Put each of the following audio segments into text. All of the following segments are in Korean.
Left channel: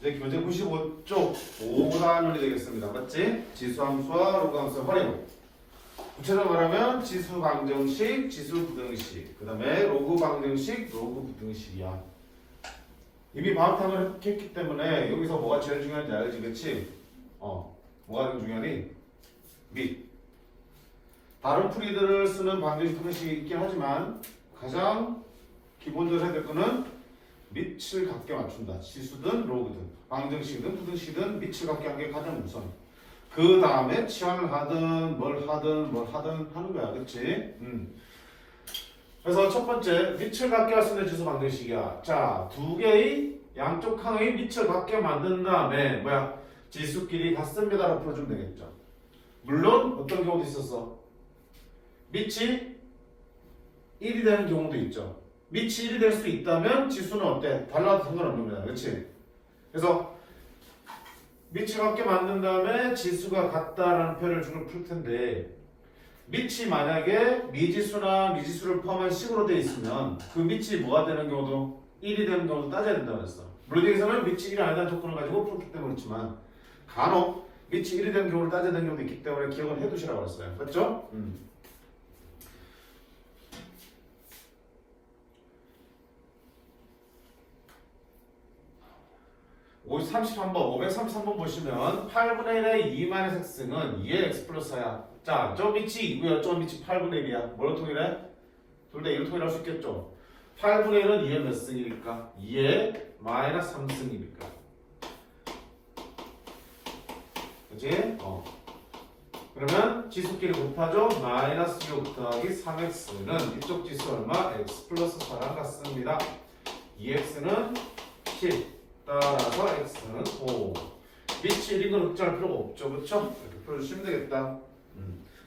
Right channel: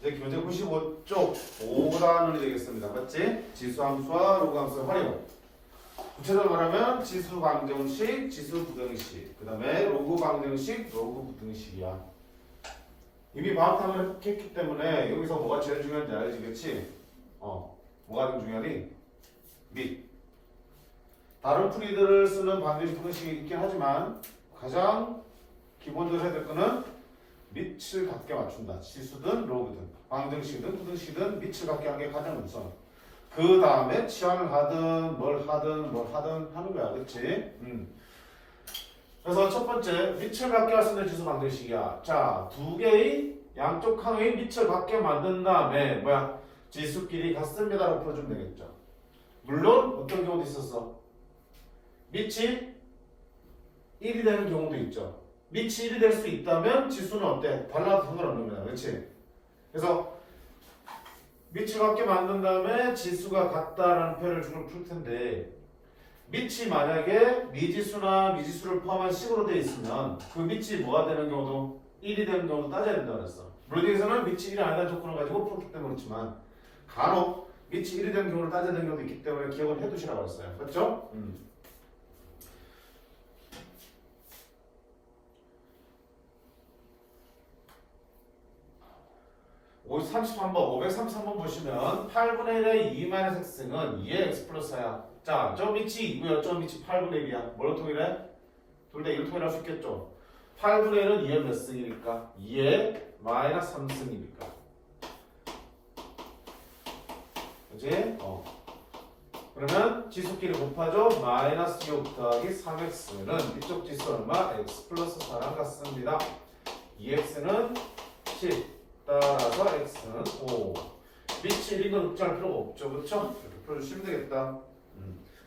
이제 교재 95쪽 5단원이 되겠습니다. 맞지? 지수함수와 로그함수 활용. 구체적으로 말하면 지수 방정식, 지수 부등식, 그 다음에 로그 방정식, 로그 부등식이야. 이미 방탕을 했기 때문에 여기서 뭐가 제일 중요한지 알지, 그치? 뭐가 제일 중요하니? 밑. 다른 풀이들을 쓰는 방정식, 부등식이 있긴 하지만 가장 기본적으로 해야 될 거는 밑을 같게 맞춘다. 지수든 로그든 방정식이든 부등식이든 밑을 같게 한 게 가장 우선. 그 다음에 치환을 하든 뭘 하든 하는 거야. 그치? 그래서 첫 번째 밑을 같게 할 수 있는 지수 방정식이야. 자, 두 개의 양쪽 항의 밑을 같게 만든 다음에 지수끼리 같습니다라고 풀어주면 되겠죠. 물론 어떤 경우도 있었어. 밑이 1이 되는 경우도 있죠. 밑이 1이 될 수 있다면 지수는 어때? 달라도 상관없는 거야. 그렇지? 그래서 밑을 같게 만든 다음에 지수가 같다라는 표현을 주로 풀 텐데 밑이 만약에 미지수나 미지수를 포함한 식으로 되어 있으면 그 밑이 뭐가 되는 경우도 1이 되는 경우도 따져야 된다고 그랬어. 물론 여기서는 밑이 1이 아니라는 조건을 가지고 풀었기 때문에 그렇지만 간혹 밑이 1이 되는 경우를 따져야 되는 경우도 있기 때문에 기억을 해두시라고 그랬어요. 그렇죠? 533번, 533번 보시면 8분의 1의 2-x는 2의 x 플러스야. 자, 저 밑이 2고요. 저 밑이 8분의 1이야. 뭘로 통일해? 둘 다 1로 통일할 수 있겠죠. 8분의 1은 2의 몇 승이니까? 2의 마이너스 3승이니까. 그치? 그러면 지수끼리 곱하죠. 마이너스 6 더하기 3x는 이쪽 지수 얼마? x 플러스 4랑 같습니다. 2x는 10. 따라서 x는 5. 밑이 1인 건 걱정할 필요가 없죠. 그렇죠? 이렇게 풀어주시면 되겠다.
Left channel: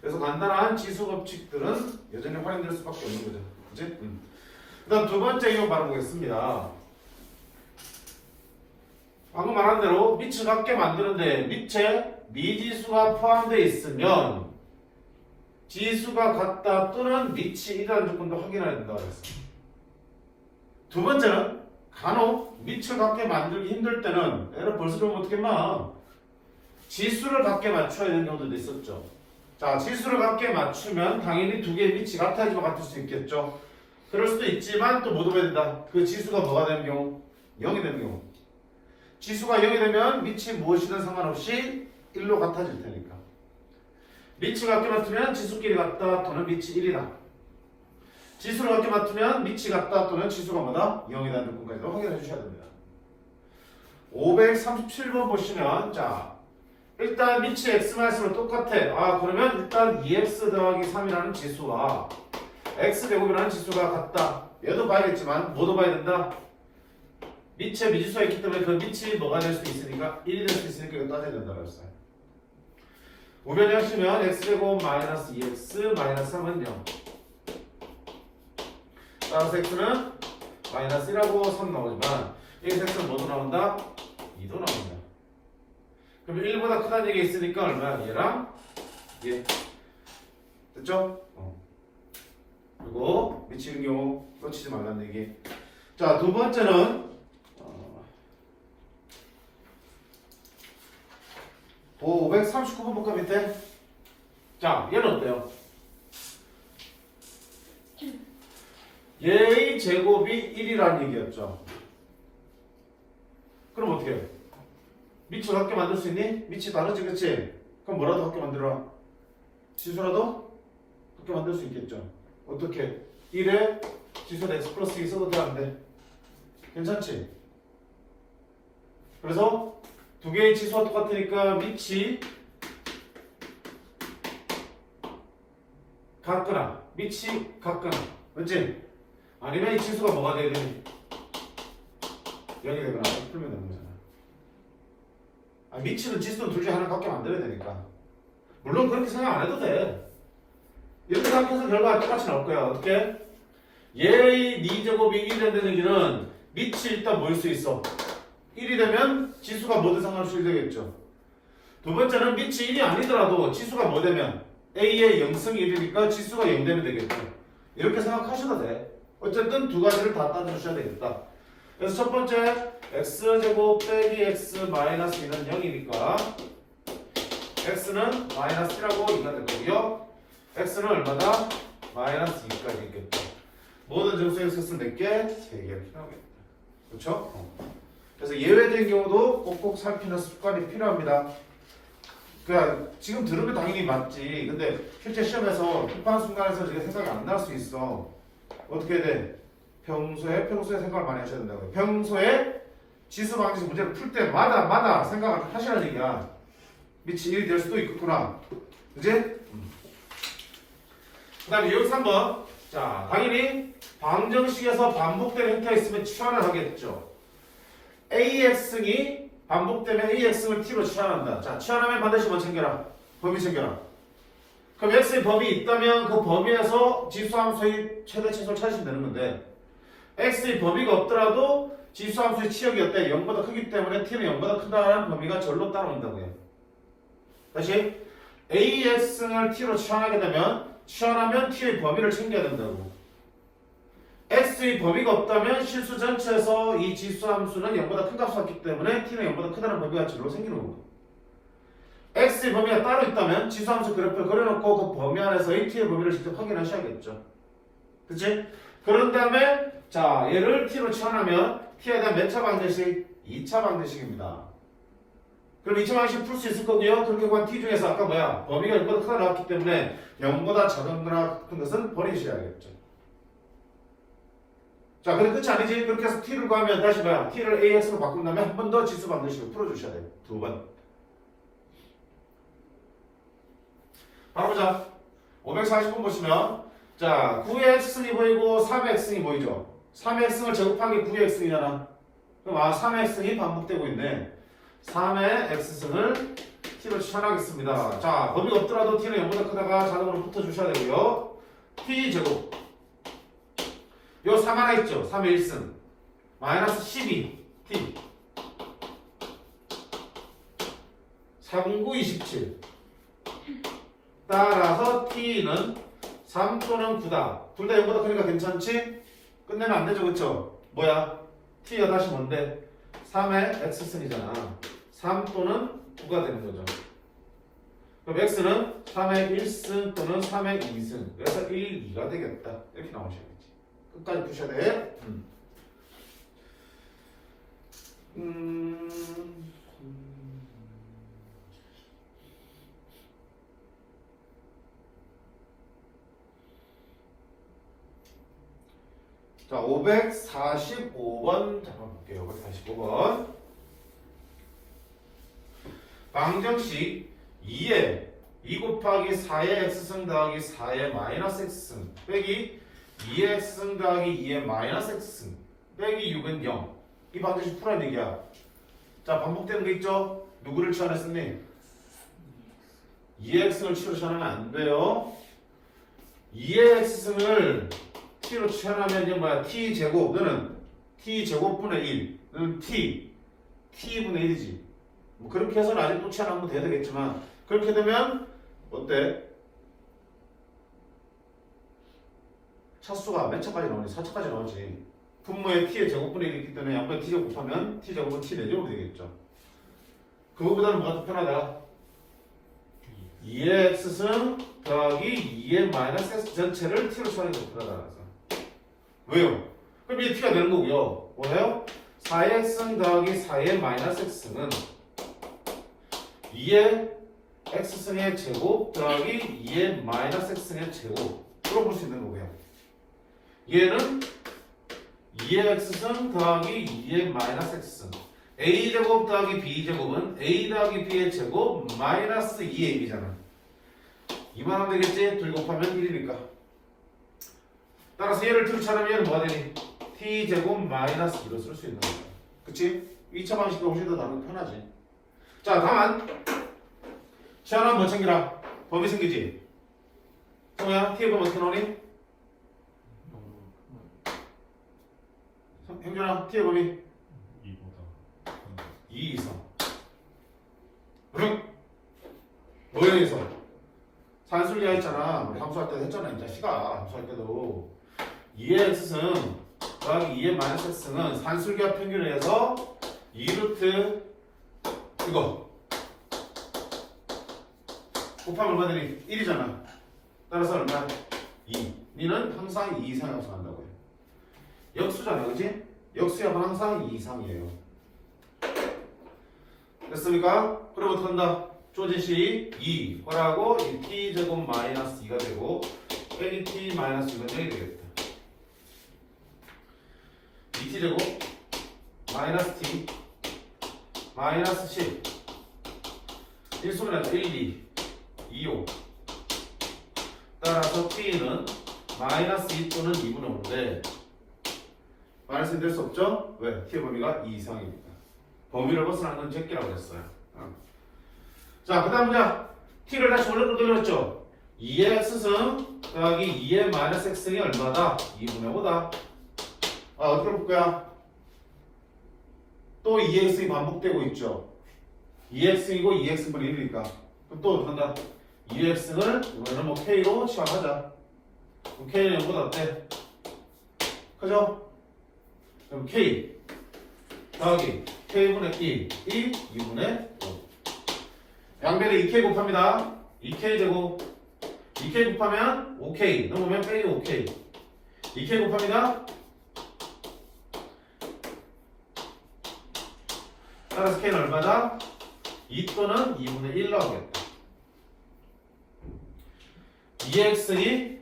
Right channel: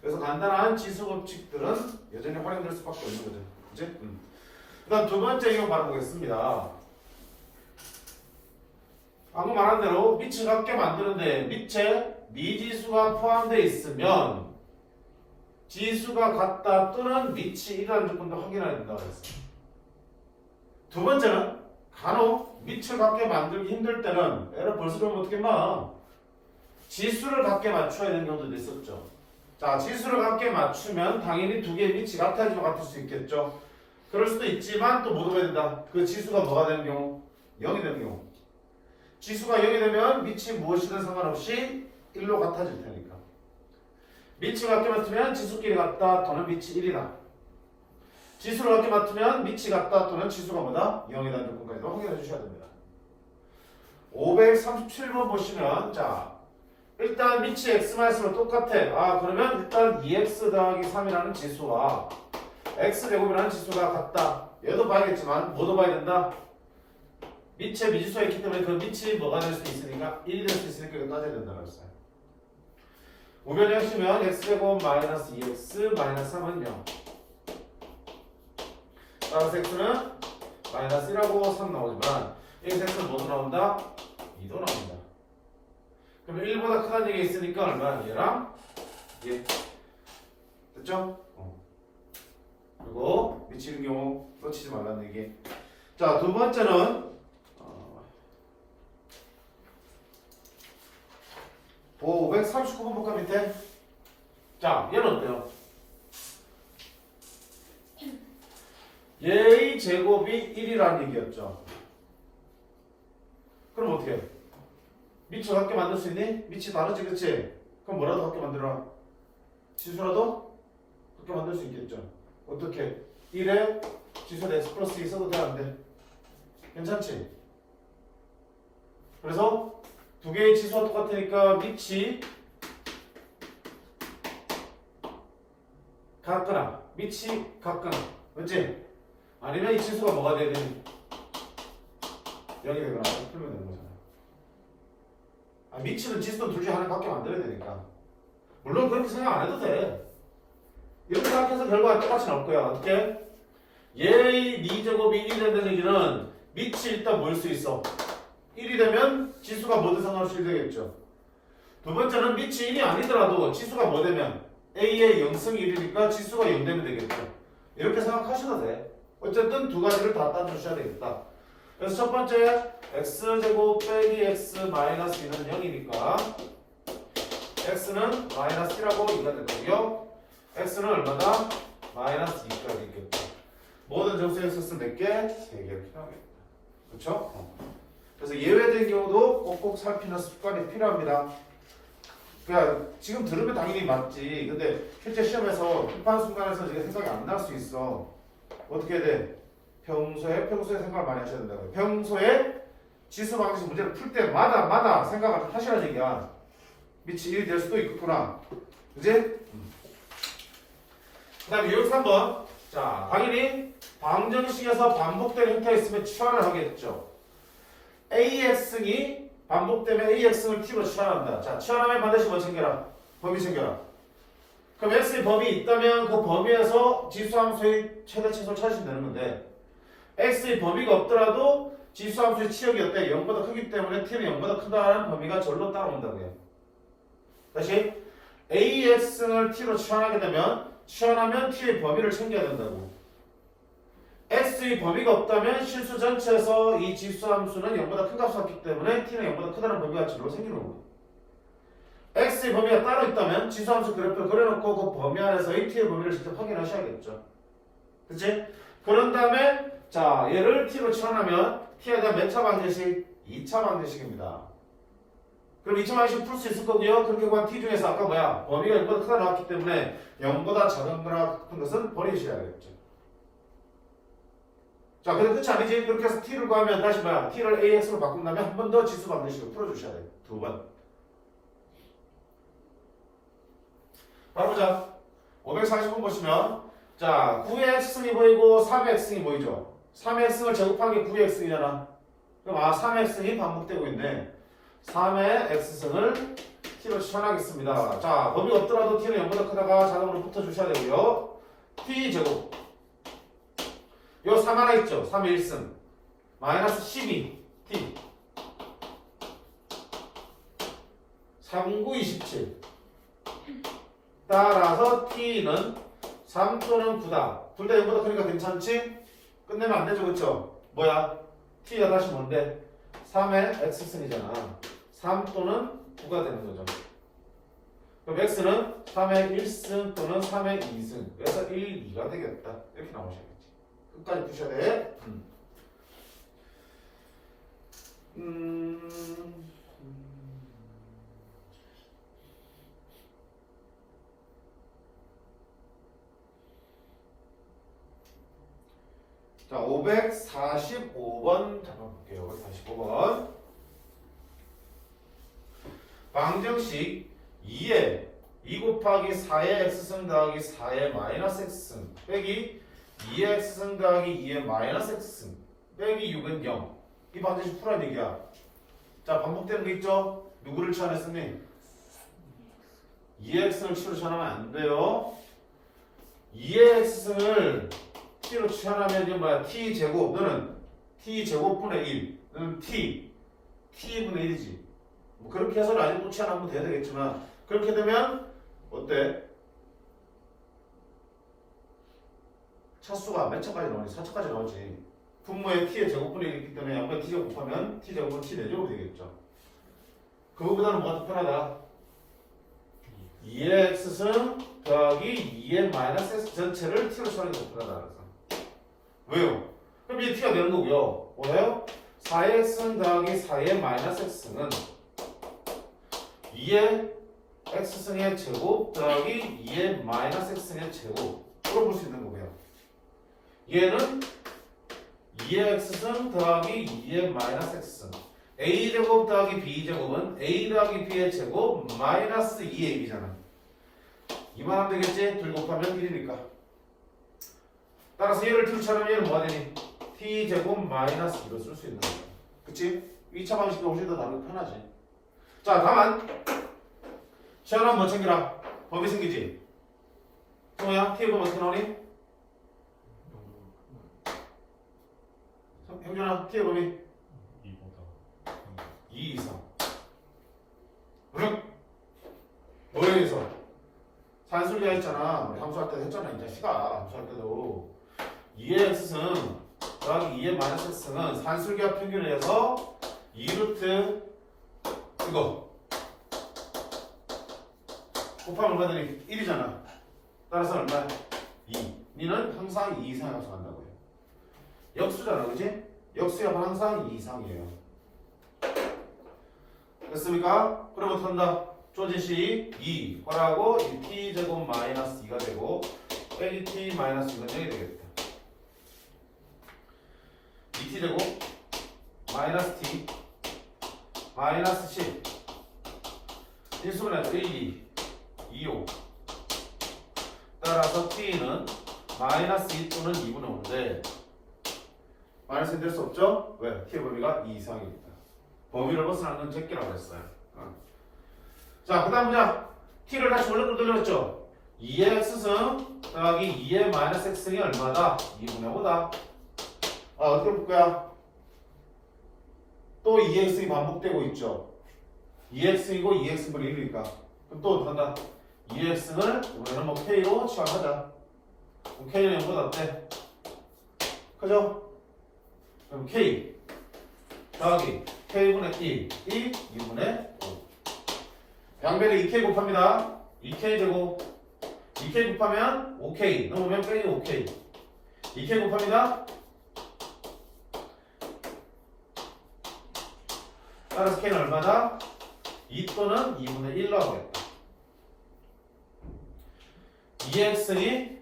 그래서 간단한 지수 법칙들은 여전히 활용될 수밖에 없는 거죠. 그치? 그 다음 두 번째 이거 바라보겠습니다. 방금 말한 대로 밑을 같게 만드는데 밑에 미지수가 포함되어 있으면 지수가 같다 또는 밑이 1이라는 조건도 확인해야 된다고 했어. 두 번째는 간혹 밑을 같게 만들기 힘들 때는 얘를 벌써 좀 어떻게 마 지수를 같게 맞춰야 되는 경우도 있었죠. 자, 지수를 같게 맞추면 당연히 두 개의 밑이 같아야지만 같을 수 있겠죠. 그럴 수도 있지만 또 못 오게 된다. 그 지수가 뭐가 되는 경우? 0이 되는 경우. 지수가 0이 되면 밑이 무엇이든 상관없이 1로 같아질 테니까. 밑이 같게 맞추면 지수끼리 같다 또는 밑이 1이다. 지수를 같게 맞추면 밑이 같다 또는 지수가 뭐다? 0이라는 조건까지도 확인해 주셔야 됩니다. 537번 보시면 자 일단 밑이 x-로 똑같아. 그러면 일단 2x 더하기 3이라는 지수와 x제곱이라는 지수가 같다. 얘도 봐야겠지만 뭐도 봐야 된다? 밑에 미지수가 있기 때문에 그 밑이 뭐가 될 수 있으니까 1이 될 수 있으니까 이거 따져야 된다고 했어요. 우변히 하시면 x제곱 마이너스 2x 마이너스 3은 0. 따라서 x는 마이너스 1하고 3 나오지만 여기서 x는 뭐도 나온다? 2도 나온다. 그러면 1보다 크다는 얘기 있으니까 얼마야? 얘랑 얘. 됐죠? 그리고 미치는 경우 놓치지 말라는 얘기. 자, 두 번째는 539번 볼까 밑에? 자, 얘는 어때요? 얘의 제곱이 1이라는 얘기였죠. 그럼 어떻게 해? 밑을 같게 만들 수 있니? 밑이 다르지, 그치? 그럼 뭐라도 같게 만들어라. 지수라도 같게 만들 수 있겠죠. 어떻게? 1에 지수는 x 플러스 2 써도 돼, 안 돼? 괜찮지? 그래서 두 개의 지수가 똑같으니까 밑이 같거나 밑이 같거나, 그치? 아니면 이 지수가 뭐가 돼야 되니? 0이 되거나 풀면 되는 거잖아. 밑이든 지수든 둘 중에 하나 밖에 만들어야 되니까. 물론 그렇게 생각 안 해도 돼. 이렇게 생각해서 결과가 똑같이 나올 거야. 어떻게? 얘의 미제곱이 1이 된다는 얘기는 밑이 일단 뭐일 수 있어? 1이 되면 지수가 뭐든 상관없이 1 되겠죠. 두 번째는 밑이 1이 아니더라도 지수가 뭐 되면 A의 0승이 1이니까 지수가 0 되면 되겠죠. 이렇게 생각하셔도 돼. 어쨌든 두 가지를 다 따져주셔야 되겠다. 그래서 첫 번째 x제곱 빼기 x 마이너스 2는 0이니까 x는 마이너스 1하고 2가 될 거고요. x는 얼마다? 마이너스 2까지 있겠다. 모든 정수의 x는 몇 개? 3개 이렇게 나오겠다. 그렇죠? 그래서 예외된 경우도 꼭꼭 살피는 습관이 필요합니다. 그러니까 지금 들으면 당연히 맞지. 근데 실제 시험에서 급한 순간에서 이게 생각이 안 날 수 있어. 어떻게 해야 돼? 평소에 생각을 많이 하셔야 된다고요. 평소에 지수 방정식 문제를 풀 때마다 생각을 하시라는 얘기야. 미치 일이 될 수도 있겠구나. 그지? 그 다음에 여기서 한번 자 당연히 방정식에서 반복되는 형태가 있으면 치환을 하겠죠. AX이 반복되면 AX를 T로 치환한다. 자 치환하면 반드시 뭐 챙겨라? 범위 챙겨라. 그럼 X의 범위 있다면 그 범위에서 지수함수의 최대 최소를 찾으시면 되는 건데 X의 범위가 없더라도 지수함수의 치역이 어때? 0보다 크기 때문에 T는 0보다 크다는 범위가 절로 따라온다고요. 다시 AX를 T로 치환하게 되면 치환하면 T의 범위를 챙겨야 된다고. X의 범위가 없다면 실수 전체에서 이 지수함수는 0보다 큰 값을 갖기 때문에 T는 0보다 크다는 범위가 절로 생기는 거고 X의 범위가 따로 있다면 지수함수 그래프를 그려놓고 그 범위 안에서의 T의 범위를 직접 확인하셔야겠죠. 그치? 그런 다음에 자 얘를 T로 치환하면 T에 대한 몇 차 방정식? 2차 방정식입니다. 그럼 2차 방정식 풀 수 있을 거고요. 그렇게 구한 T 중에서 아까 뭐야? 범위가 0보다 크다 나왔기 때문에 0보다 작은 거나 큰 것은 버리셔야겠죠. 자, 근데 끝이 아니지. 그렇게 해서 T를 구하면 다시 뭐야? T를 AX로 바꾼 다음에 한 번 더 지수 방정식을 풀어주셔야 돼요. 2번. 바로 보자. 540번 보시면 자 9의 x승이 보이고 3의 x승이 보이죠. 3의 x승을 제곱한 게 9의 x승이잖아. 그럼 3의 x승이 반복되고 있네. 3의 x승을 t로 치환하겠습니다. 자 범위가 없더라도 t는 0보다 크다가 자동으로 붙어주셔야 되고요. t제곱 요 3 하나 있죠. 3의 1승 마이너스 12 t 39, 27 따라서 t는 3 또는 9다. 둘 다 0보다 크니까 괜찮지? 끝내면 안 되죠. 그쵸? 뭐야? t가 다시 뭔데? 3의 x승이잖아. 3 또는 9가 되는 거죠. 그럼 x는 3의 1승 또는 3의 2승. 그래서 1, 2가 되겠다. 이렇게 나오셔야겠지. 끝까지 푸셔야 돼. 자, 545번 잠깐 볼게요. 545번. 방정식 2에 2 곱하기 4의 x승 더하기 4의 마이너스 x승 빼기 2의 x승 더하기 2의 마이너스 x승 빼기 6은 0. 이 방정식 풀어야 얘기야. 자, 반복되는 거 있죠? 누구를 치환했었니? 2의 x승을 t로 치환하면 안 돼요. 2의 x승을 t로 치환하면 이제 뭐야? t제곱 너는 t제곱분의 1 너는 t분의 1이지. 뭐 그렇게 해서는 아직 또 치환하면 돼야 되겠지만 그렇게 되면 어때? 차수가 몇 차까지 나오니? 4차까지 나오지. 분모에 t의 제곱분의 1이 있기 때문에 양변 t제곱 곱하면 t제곱은 t 4제곱 되겠죠. 그거보다는 뭐가 더 편하다? 2의 x승 더하기 2의 마이너스 x 전체를 t로 치환하는 게 더 편하다. 왜요? 그럼 이제 t가 되는 거고요. 뭐예요? 4의 x승 더하기 4의 마이너스 x승은 2의 x승의 제곱 더하기 2의 마이너스 x승의 제곱으로 볼 수 있는 거고요. 얘는 2의 x승 더하기 2의 마이너스 x승 a제곱 더하기 b제곱은 a 더하기 b의 제곱 마이너스 2ab잖아. 이만하면 되겠지? 둘 곱하면 1이니까. 따라서 얘를 둘 차례면 얘는 뭐가 되니? t제곱 마이너스 2로 쓸 수 있는 거야. 그치? 2차 방식이 훨씬 더 나는 편하지. 자, 다만 치환하면 뭐 챙기라? 범위 생기지? 뭐야? t의 범위 어떻게 나오니? 형준아, t의 범위 2 이상. 응? 뭐에 의해서? 산술리아 했잖아. 우리 함수할 때도 했잖아. 이 자식아. 함수할 때도 2의 x승 더하기 2의 마이너스 x는 산술기하 평균에 의해서 2루트 이거 곱하면 얼마되니? 1이잖아. 따라서 얼마? 2. 니는 항상 2 이상 합성한다고요. 역수잖아, 그치? 역수야만 항상 2 이상이에요. 됐습니까? 그럼 어떻게 한다? 조진식이 2 괄하고 이 t제곱 마이너스 2가 되고 빼기 t 마이너스 2가 0이 되겠다. 2t제곱 마이너스 t 마이너스 10 1수분해서 1, 2 2, 5 따라서 t는 마이너스 2 또는 2분의 5인데 마이너스는 될 수 없죠? 왜? t의 범위가 2 이상입니다. 범위를 벗어난 건 제끼라고 했어요. 자, 그 다음 문제 t를 다시 원래로 돌려냈죠? 2의 x승 더하기 2의 마이너스 x승이 얼마다? 2분의 5다. 어떻게 볼 거야? 또 2의 x승이 반복되고 있죠? 2의 x승이고 2의 x분의 1이니까 그럼 또 어떻게 한다? 2의 x승을 이번에는 뭐 k로 취합하자. 그럼 k는 0보다 어때? 그죠? 그럼 k 더하기 k분의 1, 2분의 5 양변에 2k 곱합니다. 2k 제곱 2k 곱하면 5k 넘으면 빼기 5k 2k 곱합니다. 따라서 k는 얼마다? 2 또는 2분의 1로 하겠다. 2의 x승이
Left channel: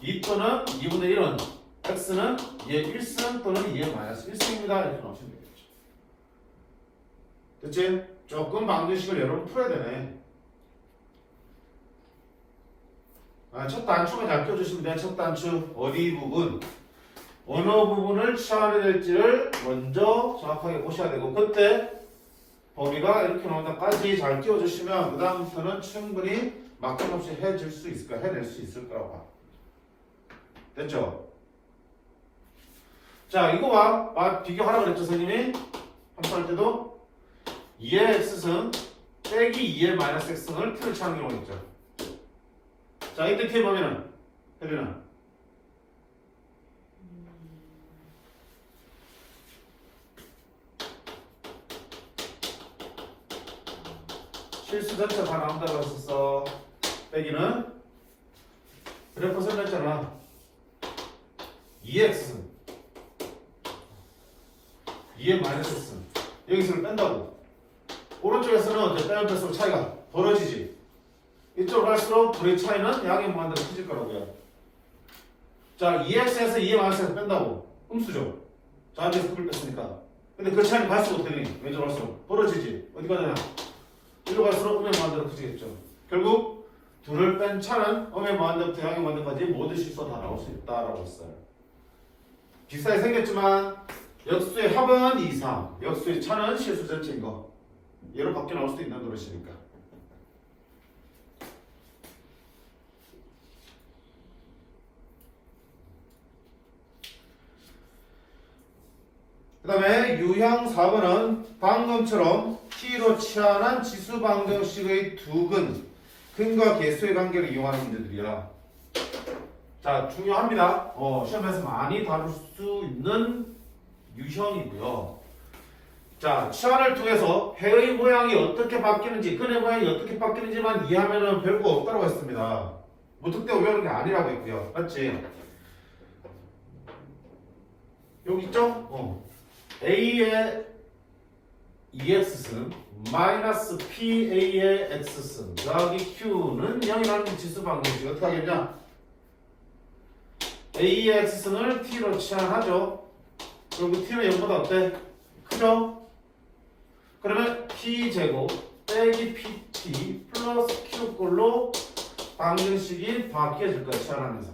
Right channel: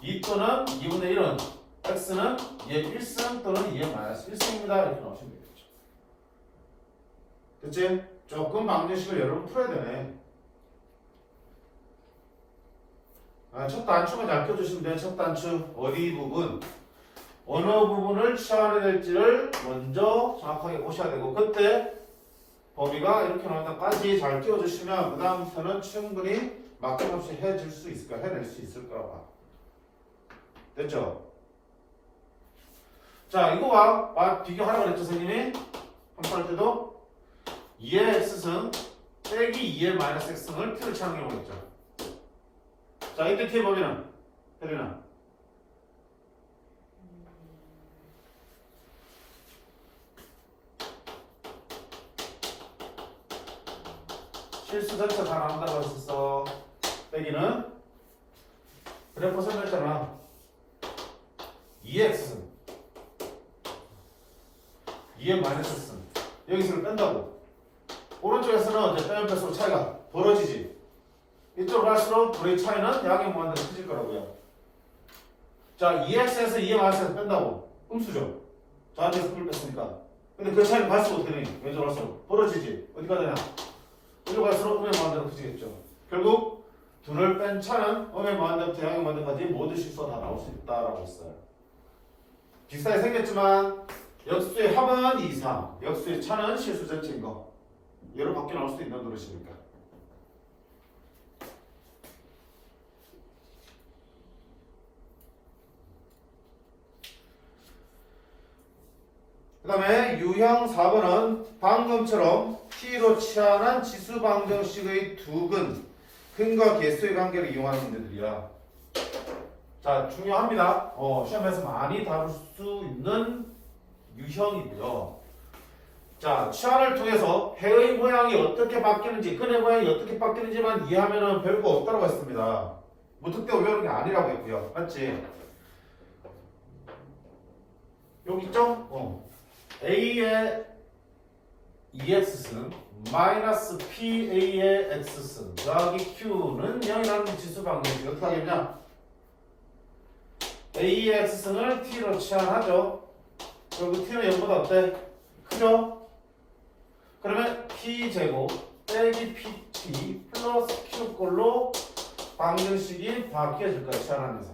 2 또는 2분의 1은 x는 2의 1승 또는 2의 마이너스 1승입니다. 이렇게 나오시면 되겠죠. 됐지? 조금 방정식을 여러분 풀어야 되네. 첫 단추만 잘 껴주시면 돼요. 첫 단추 어디 부분 어느 부분을 취하게 될지를 먼저 정확하게 보셔야 되고 그때 범위가 이렇게 나온다까지 잘 끼워주시면 그 다음부터는 충분히 막힘없이 해낼 수 있을 거라고 봐. 됐죠? 자, 이거와 비교하라고 그랬죠, 선생님이? 한번 할 때도 2의 x승 빼기 2의 마이너스 x승을 t를 취하는 경우가 있죠. 자, 이때 t의 범위는 혜린아 실수 전체 다 나온다고 했었어. 빼기는 그래프 설명했잖아. 2의 x승 2의 마이너스 x승 여기서를 뺀다고. 오른쪽에서는 이제 빼면 뺄수록 차이가 벌어지지. 이쪽으로 갈수록 둘의 차이는 양의 무한대로 커질 거라고요. 자, 2x에서 2의 마이너스에서 뺀다고. 음수죠. 자, 안에서 풀을 뺐으니까. 근데 그 차이는 갈수록 어떻게 되니? 왼쪽으로 갈수록 벌어지지. 어디가 되냐? 일로 갈수록 음의 무한대로 커지겠죠. 결국 둘을 뺀 차는 음의 무한대부터 양의 무한대까지 모든 실수가 다 나올 수 있다라고 했어요. 비슷하게 생겼지만 역수의 합은 2 이상, 역수의 차는 실수 전체인 거. 얘로 밖에 나올 수도 있는 노릇이니까. 그 다음에 유형 4번은 방금처럼 t로 치환한 지수 방정식의 두 근과 개수의 관계를 이용하는 문제들이야. 자, 중요합니다. 시험에서 많이 다룰 수 있는 유형이고요. 자, 치환을 통해서 해의 모양이 어떻게 바뀌는지, 근의 모양이 어떻게 바뀌는지만 이해하면 별거 없다고 했습니다. 무턱대고 외우는 게 아니라고 했고요. 맞지? 여기 있죠? A의 2x승 마이너스 PA의 x승 더하기 Q는 0이라는 지수 방정식 어떻게 하겠냐? A의 x승을 T로 치환하죠. 그리고 T는 0보다 어때? 크죠? 그러면 P제곱 빼기 PT 플러스 Q꼴로 방정식이 바뀌어질 거예요. 치환하면서.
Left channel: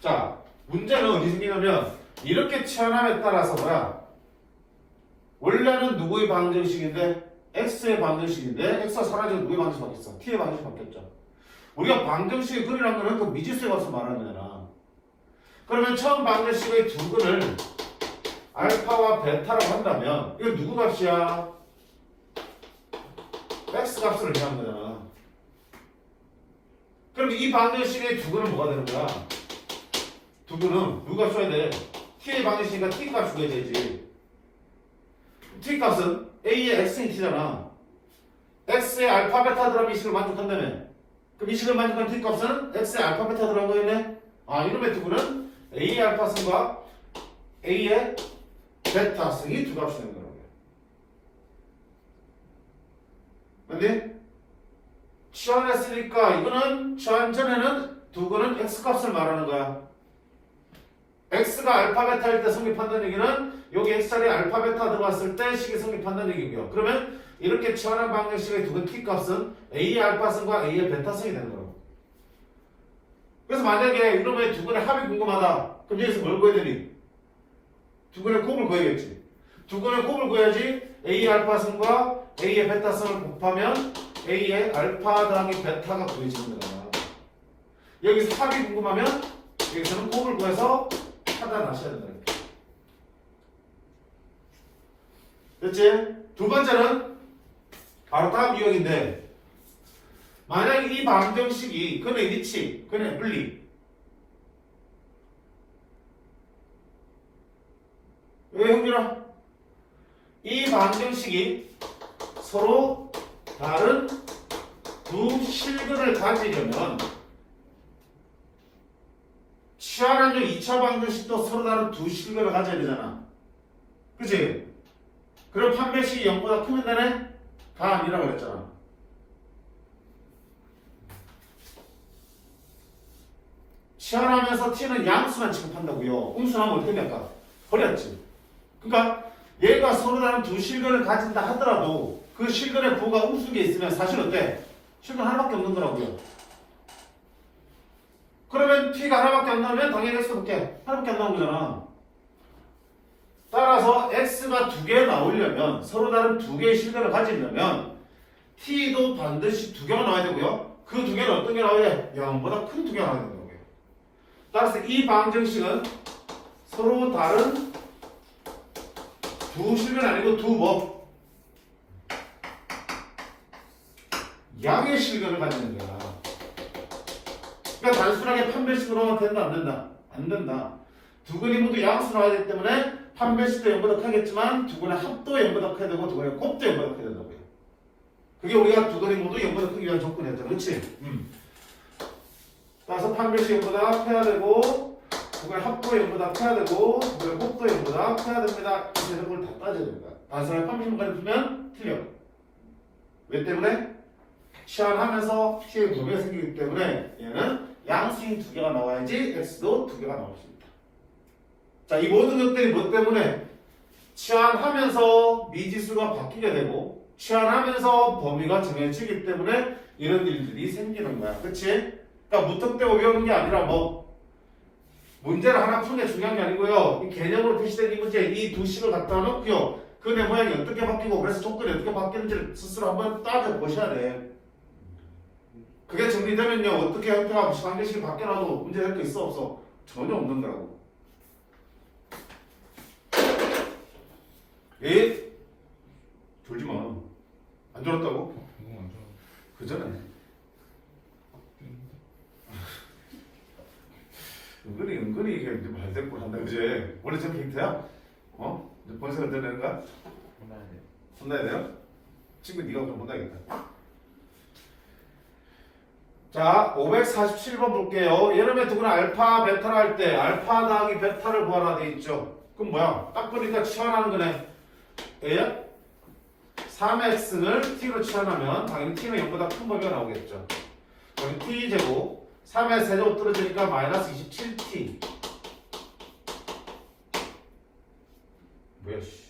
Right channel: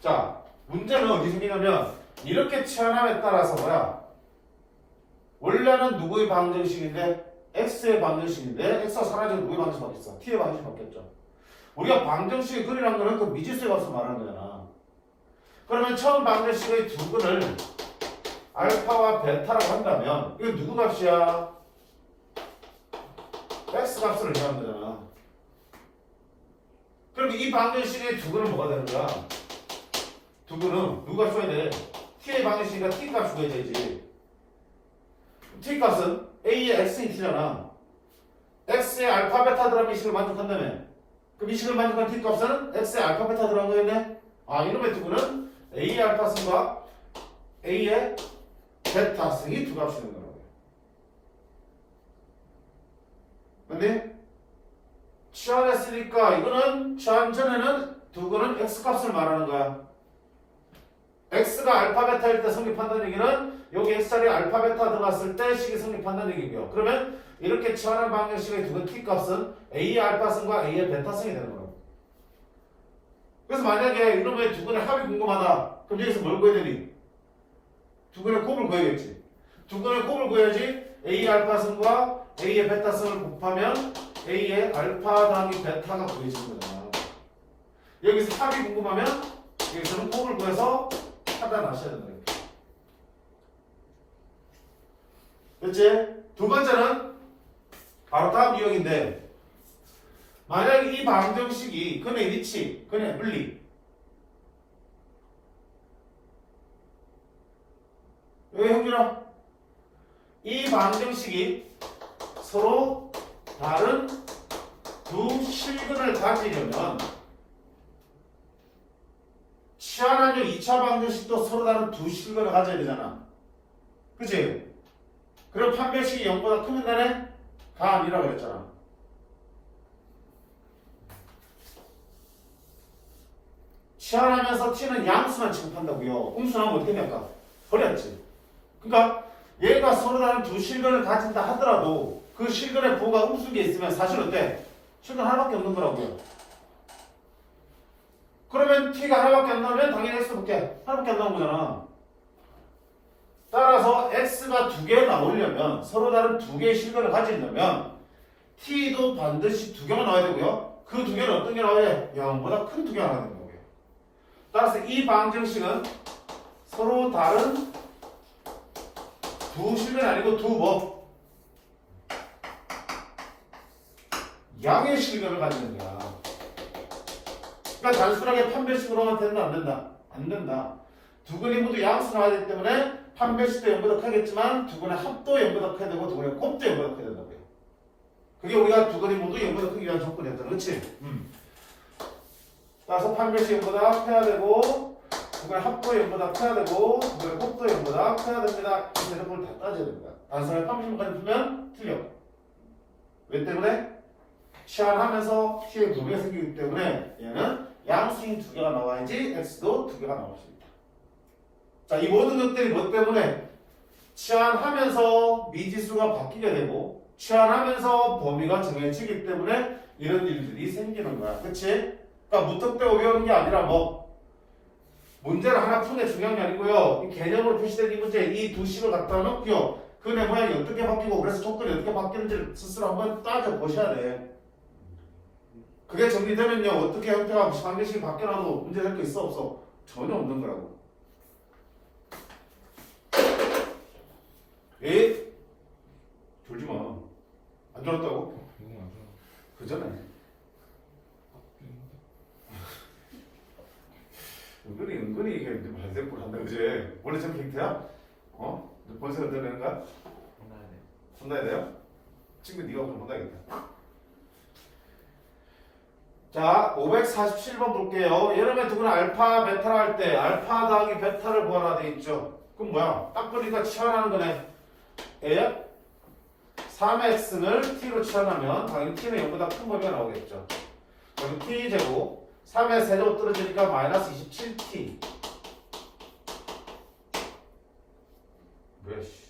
자, 문제는 어디 생기냐면 이렇게 치환함에 따라서 뭐야? 원래는 누구의 방정식인데? X의 방정식인데 X가 사라지고 누구의 방정식 바뀌었어? T의 방정식 바뀌었죠. 우리가 방정식의 근이라는 거는 그 미지수의 값을 말하는 거잖아. 그러면 처음 방정식의 두 근을 알파와 베타라고 한다면 이거 누구 값이야? X 값을 의미하는 거잖아. 그럼 이 방정식의 두 근은 뭐가 되는 거야? 두근은 누가 써야 돼? t의 방정식이니까 t 값 주어야 되지. t 값은 a의 x인 t잖아. x의 알파 베타 들어가면 이 식을 만족한다며. 그럼 이 식을 만족한 t 값은 x의 알파 베타 들어간 거였네. 아, 이놈의 두근은 a의 알파 승과 a의 베타 승이 두 값이 있는 거라고요. 근데 치환했으니까 이거는 치환 전에는 두근은 x 값을 말하는 거야. x가 알파 베타일 때 성립한다는 얘기는 여기 x자리에 알파 베타 들어갔을 때 식이 성립한다는 얘기고요. 그러면 이렇게 치환한 방정식의 두근 t 값은 a의 알파승과 a의 베타승이 되는 거라고. 그래서 만약에 이놈의 두근의 합이 궁금하다. 그럼 여기서 뭘 구해야 되니? 두근의 곱을 구해야겠지. 두근의 곱을 구해야지 a의 알파승과 a의 베타승을 곱하면 a의 알파 더하기 베타가 구해지는 거야. 여기서 합이 궁금하면 여기서는 곱을 구해서 하단하셔야 된다. 됐지? 두 번째는 바로 다음 유형인데, 만약에 이 방정식이 근의 위치, 근의 분리, 왜 형준아? 이 방정식이 서로 다른 두 실근을 가지려면 치환한 2차 방정식도 서로 다른 두 실근을 가져야 되잖아. 그치? 그럼 판별식이 0보다 크면 되네? 다 아니라고 그랬잖아. 치환하면서 t는 양수만 취급한다고요. 음수는 어떻게 될까? 버렸지. 그러니까 얘가 서로 다른 두 실근을 가진다 하더라도 그 실근의 부호가 음수인 게 있으면 사실 어때? 실근 하나밖에 없는 거라고요. 그러면 t가 하나밖에 안 나오면 당연히 x도 볼게. 하나밖에 안 나온 거잖아. 따라서 x가 두 개 나오려면 서로 다른 두 개의 실근을 가지려면 t도 반드시 두 개가 나와야 되고요. 그 두 개는 어떤 게 나와야 돼? 0보다 큰 두 개가 나와야 되는 거고요. 따라서 이 방정식은 서로 다른 두 실근이 아니고 두 뭐? 양의 실근을 가지는 거야. 그러니까 단순하게 판별식으로 하면 된다 안 된다? 안 된다. 두 근이 모두 양수 나와야 되기 때문에 판별식도 0보다 크겠지만 두 근의 합도 0보다 커야 되고 두 근의 곱도 0보다 커야 된다고요. 그게 우리가 두 근이 모두 0보다 크기 위한 조건이었잖아. 그렇지? 따라서 판별식 0보다 커야 되고 두 근의 합도 0보다 커야 되고 두 근의 곱도 0보다 커야 됩니다. 이 조건을 다 따져야 됩니다. 단순하게 판별식까지 풀면 틀려. 왜 때문에? 치환하면서 t의 구매가 생기기 때문에 얘는 양수인 두 개가 나와야지 x도 두 개가 나올 수 있다. 자, 이 모든 것들이 뭐 때문에? 치환하면서 미지수가 바뀌게 되고 치환하면서 범위가 정해지기 때문에 이런 일들이 생기는 거야. 그치? 그러니까 무턱대고 외우는 게 아니라 뭐 문제를 하나 푸는 게 중요한 게 아니고요. 이 개념으로 표시된 이 문제, 이 두 식을 갖다 놓고요. 근의 모양이 어떻게 바뀌고 그래서 조건이 어떻게 바뀌는지를 스스로 한번 따져보셔야 돼. 그게 정리되면요. 어떻게 형태가 방정식이 바뀌어놔도 문제될 거 있어 없어? 전혀 없는 거라고. 에? 졸지 마. 안 졸았다고? 그 전에. 은근히 이게 말대꾸 한다, 그지? 원래 저렇게 힌트야? 어? 벌써 흔들리는 거야? 혼나야 돼요? 친구 네가 그럼 혼나야겠다. 자, 547번 볼게요. 여름에 두근은 알파, 베타를 할 때 알파 더하기 베타를 구하라 돼 있죠. 그럼 뭐야? 딱 보니까 치환하는 거네. A야? 3x를 t로 치환하면 당연히 t는 0보다 큰 범위가 나오겠죠. 그럼 t제곱 3의 세제곱 떨어지니까 마이너스 27t. 뭐야 씨.